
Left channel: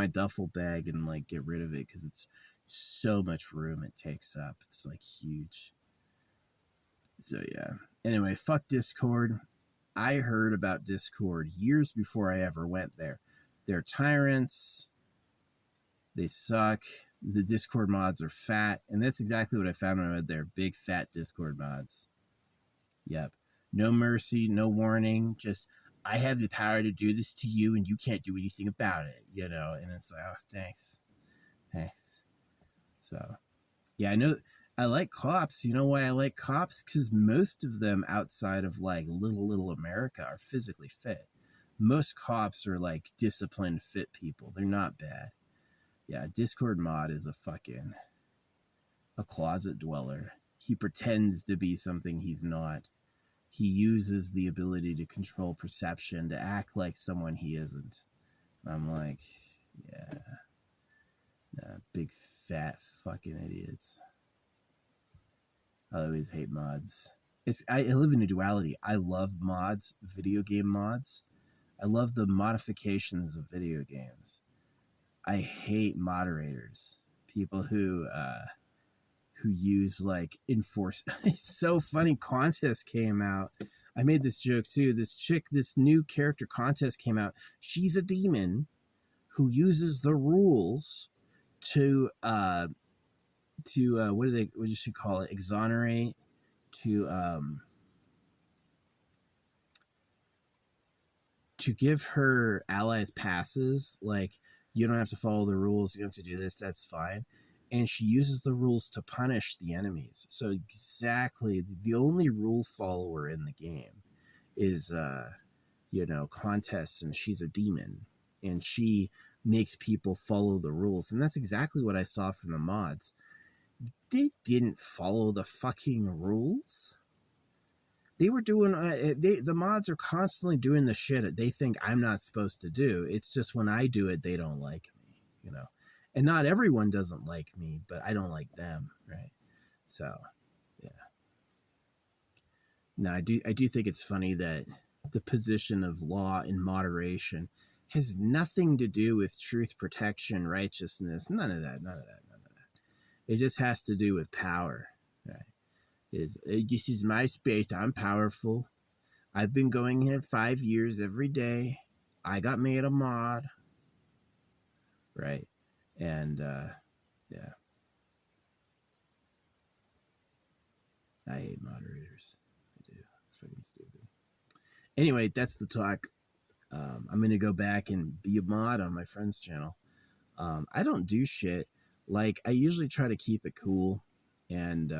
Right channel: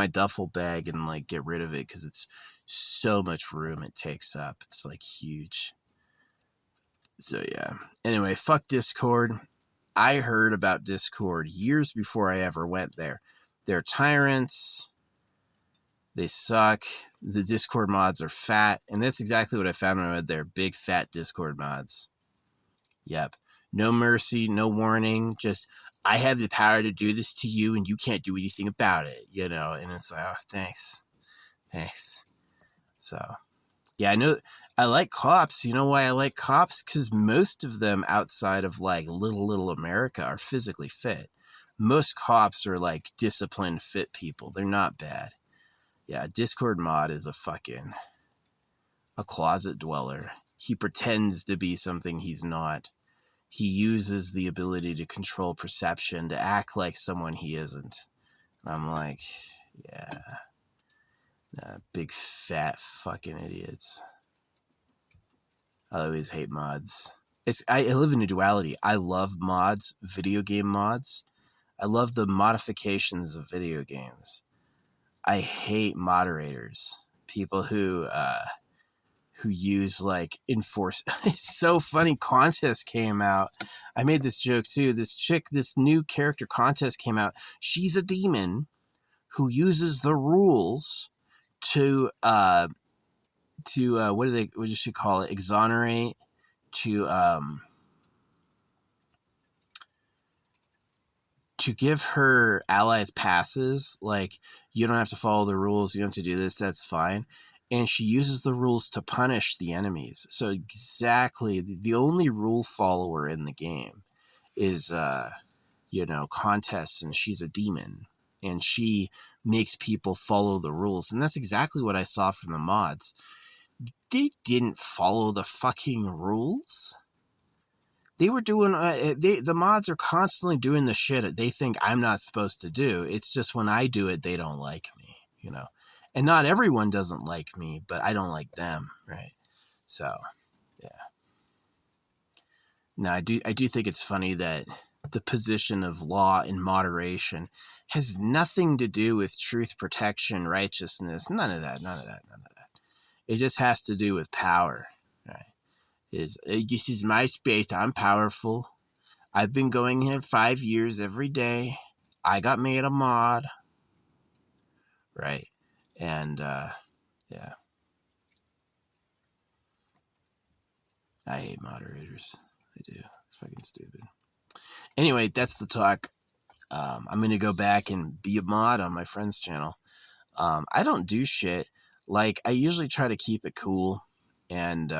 duffel bag and like get rid of it because it's so much room it takes up. It's like huge. So yeah. Anyway, fuck Discord. I heard about Discord years before I ever went there. They're tyrants. They suck. The Discord mods are fat. And that's exactly what I found when I went there. Big fat Discord mods. Yep. No mercy, no warning. Just, I have the power to do this to you and you can't do anything about it, And it's like, oh, thanks. So, yeah, I know. I like cops. You know why I like cops? Because most of them outside of like little America are physically fit. Most cops are like disciplined, fit people. They're not bad. Yeah, Discord mod is a closet dweller. He pretends to be something he's not. He uses the ability to control perception to act like someone he isn't. I'm like, yeah. Nah, big fat fucking idiots. I always hate mods. I live in a duality. I love mods, video game mods. I love the modifications of video games. I hate moderators. People who use like enforce. It's so funny. Contest came out. I made this joke too. This new character Contest came out. She's a demon who uses the rules to what does she call it? Exonerate, to give her allies passes, like, you don't have to follow the rules, you don't have to do this, that's fine. And she uses the rules to punish the enemies. So exactly, the only rule follower in the game is, contests, and she's a demon. And she makes people follow the rules. And that's exactly what I saw from the mods. They didn't follow the fucking rules. They were doing, the mods are constantly doing the shit that they think I'm not supposed to do. It's just when I do it, they don't like me, And not everyone doesn't like me, but I don't like them, right? So, yeah. Now, I do think it's funny that the position of law and moderation has nothing to do with truth, protection, righteousness. None of that. It just has to do with power, right? This is my space. I'm powerful. I've been going here 5 years every day. I got made a mod, right? And yeah, I hate moderators. I do. Fucking stupid. Anyway, that's the talk. I'm gonna go back and be a mod on my friend's channel. I don't do shit. Like, I usually try to keep it cool, and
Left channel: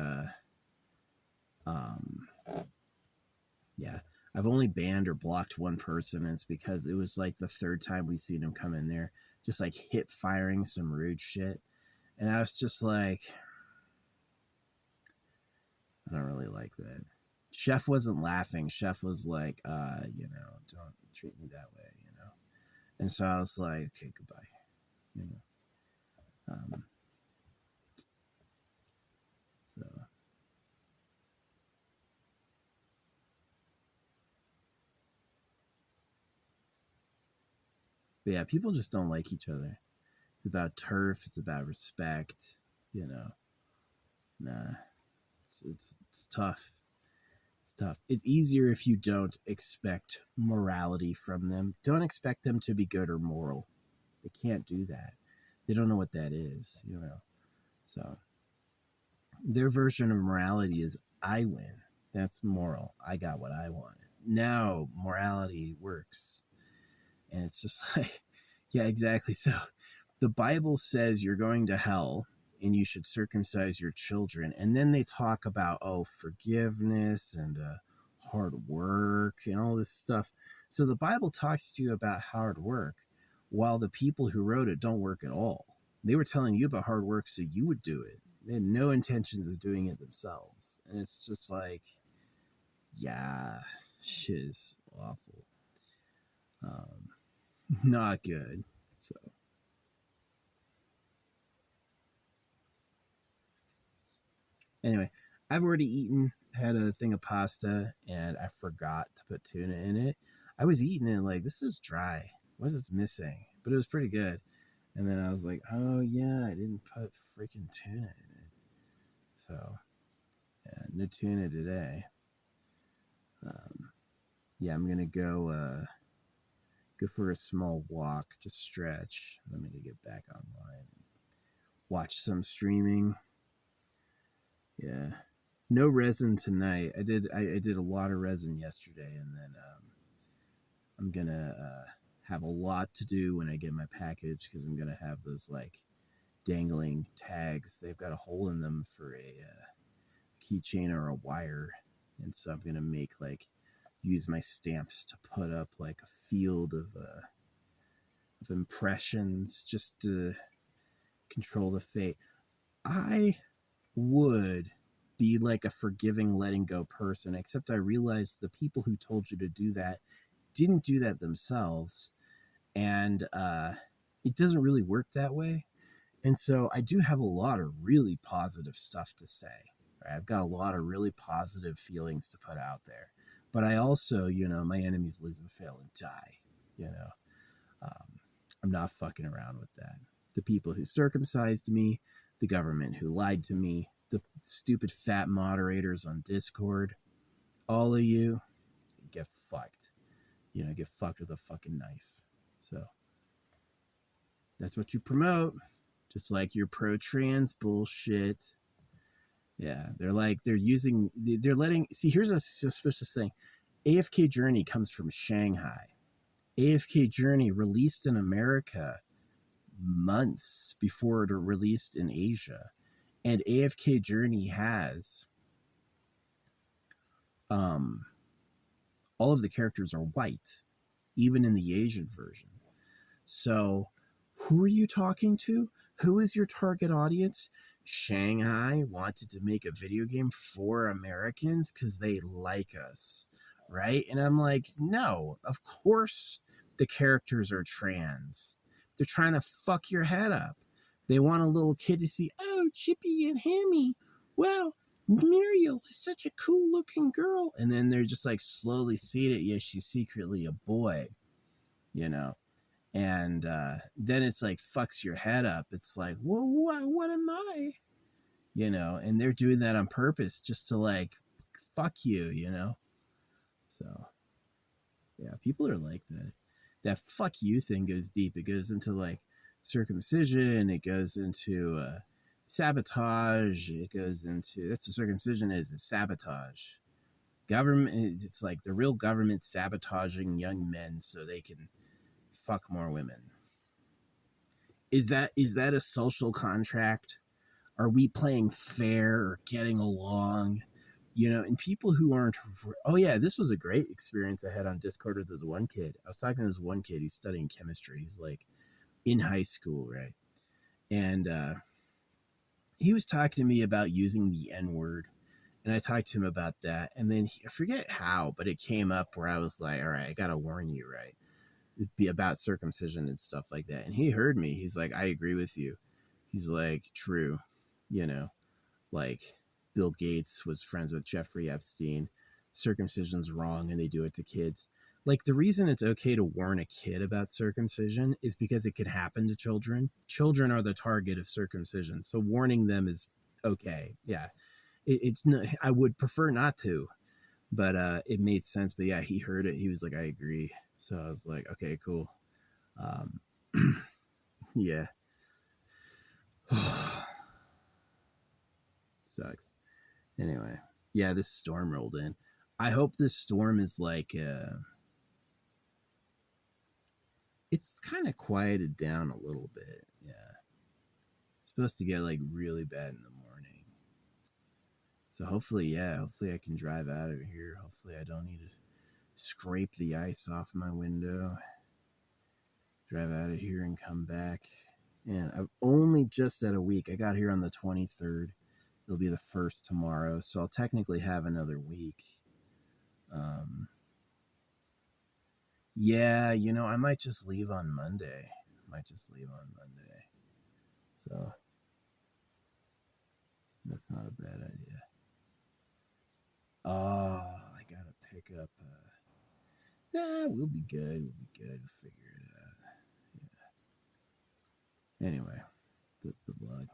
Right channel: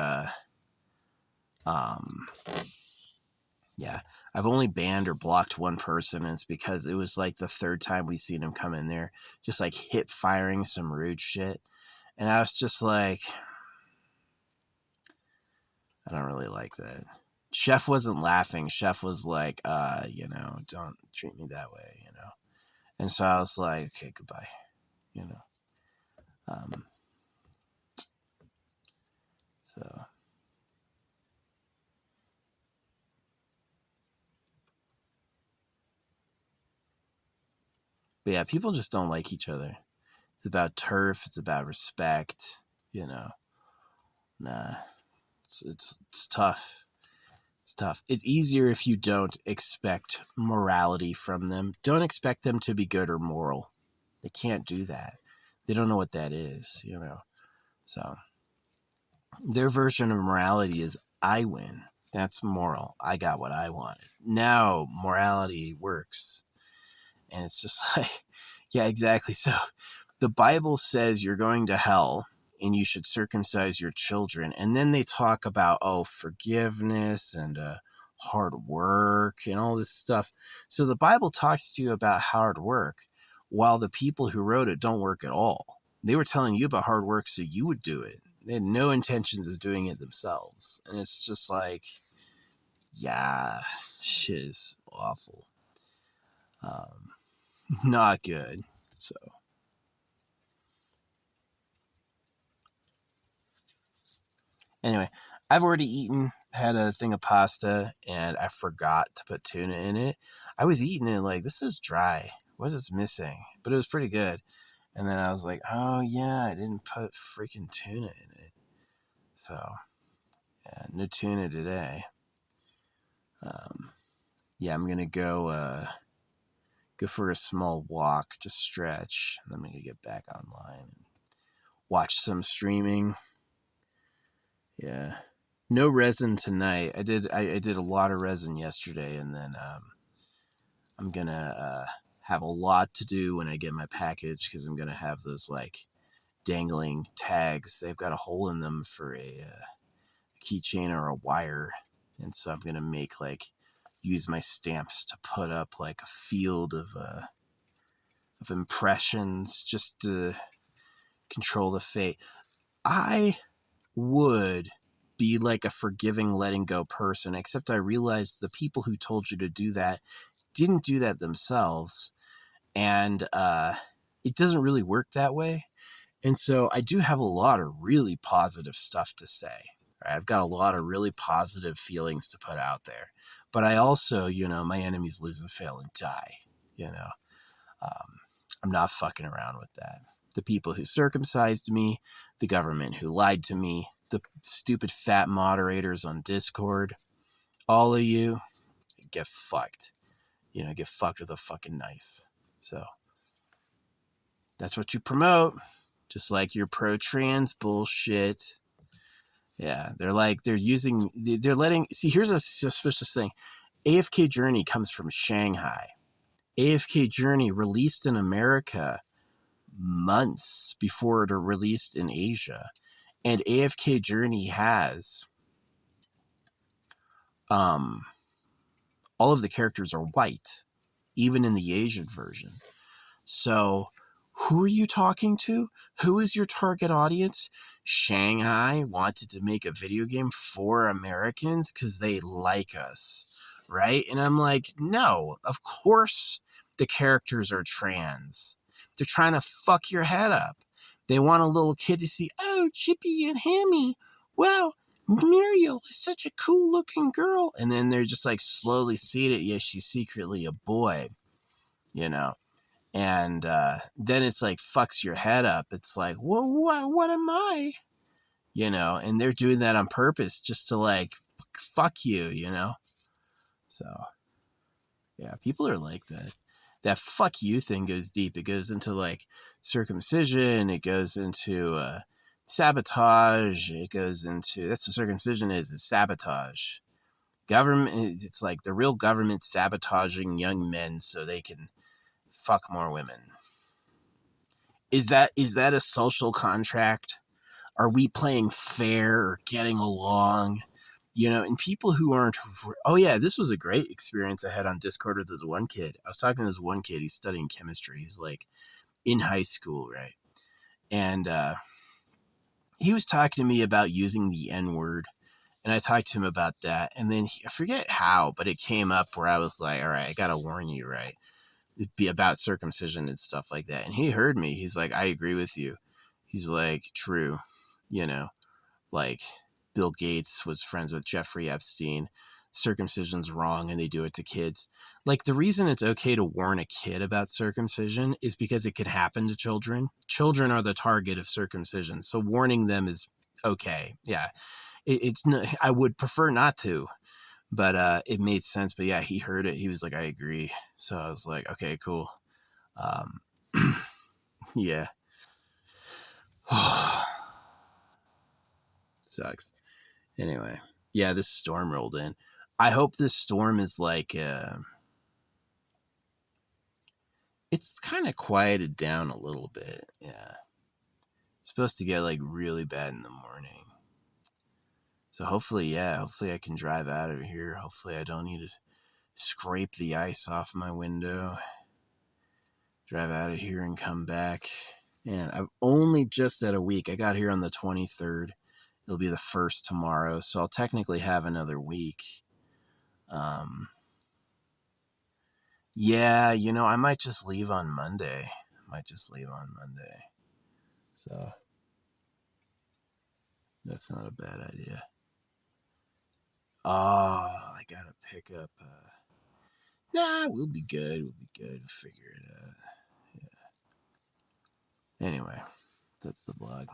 yeah, I've only banned or blocked one person, and it's because it was like the third time we seen him come in there, just like hip firing some rude shit, and I was just like, I don't really like that. Chef wasn't laughing. Chef was like, don't treat me that way, And so I was like, okay, goodbye, So, but yeah, people just don't like each other. It's about turf. It's about respect. Nah, it's tough. It's tough. It's easier if you don't expect morality from them. Don't expect them to be good or moral. They can't do that. They don't know what that is, So their version of morality is, I win. That's moral. I got what I wanted. Now morality works. And it's just like, yeah, exactly. So the Bible says you're going to hell and you should circumcise your children. And then they talk about, forgiveness and hard work and all this stuff. So the Bible talks to you about hard work while the people who wrote it don't work at all. They were telling you about hard work so you would do it. They had no intentions of doing it themselves. And it's just like, yeah, shit is awful. Not good. So anyway, I've already had a thing of pasta, and I forgot to put tuna in it. I was eating it like, this is dry. What is missing? But it was pretty good. And then I was like, oh yeah, I didn't put freaking tuna in it. So yeah, no tuna today. Yeah, I'm gonna go for a small walk to stretch, and then I'm gonna get back online and watch some streaming. Yeah. No resin tonight. I did a lot of resin yesterday, and then I'm gonna have a lot to do when I get my package, because I'm gonna have those like dangling tags. They've got a hole in them for a keychain or a wire, and so I'm gonna use my stamps to put up like a field of impressions, just to control the fate. I would be like a forgiving, letting go person, except I realized the people who told you to do that didn't do that themselves, and it doesn't really work that way. And so I do have a lot of really positive stuff to say. Right? I've got a lot of really positive feelings to put out there, but I also, my enemies lose and fail and die. I'm not fucking around with that. The people who circumcised me, the government who lied to me, the stupid fat moderators on Discord, all of you, get fucked. Get fucked with a fucking knife. So that's what you promote. Just like your pro-trans bullshit. Yeah, they're letting, see, here's a suspicious thing. AFK Journey comes from Shanghai. AFK Journey released in America months before it released in Asia. And AFK Journey has all of the characters are white, even in the Asian version. So who are you talking to? Who is your target audience? Shanghai wanted to make a video game for Americans because they like us, right? And I'm like, no, of course the characters are trans. They're trying to fuck your head up. They want a little kid to see, oh, Chippy and Hammy. Wow, Muriel is such a cool looking girl. And then they're just like slowly seeing it. Yeah, she's secretly a boy, you know? And then it's like fucks your head up. It's like, well, what am I? You know, and they're doing that on purpose just to like fuck you, you know? So, yeah, people are like that. That fuck you thing goes deep. It goes into like circumcision, it goes into sabotage, it goes into, that's what circumcision is sabotage. Government, it's like the real government sabotaging young men so they can fuck more women. Is that a social contract? Are we playing fair or getting along? You know, and people who aren't, oh yeah, this was a great experience I had on Discord with this one kid. I was talking to this one kid, he's studying chemistry. He's like in high school, right? And he was talking to me about using the N-word. And I talked to him about that. And then I forget how, but it came up where I was like, all right, I got to warn you, right? It'd be about circumcision and stuff like that. And he heard me. He's like, I agree with you. He's like, true. You know, like Bill Gates was friends with Jeffrey Epstein. Circumcision's wrong and they do it to kids. Like the reason it's okay to warn a kid about circumcision is because it could happen to children. Children are the target of circumcision. So warning them is okay. Yeah. It's no, I would prefer not to, but it made sense. But yeah, he heard it. He was like, I agree. So I was like, okay, cool. Um, yeah. Sucks. Anyway, yeah, this storm rolled in. I hope this storm is like, it's kind of quieted down a little bit. Yeah. It's supposed to get like really bad in the morning. So hopefully, yeah, hopefully I can drive out of here. Hopefully I don't need to scrape the ice off my window. Drive out of here and come back. And I've only just had a week. I got here on the 23rd. It'll be the 1st tomorrow. So I'll technically have another week. Yeah, you know, I might just leave on Monday. So that's not a bad idea. Oh, I gotta pick up. Nah, we'll be good. We'll figure it out. Yeah. Anyway, that's the blog.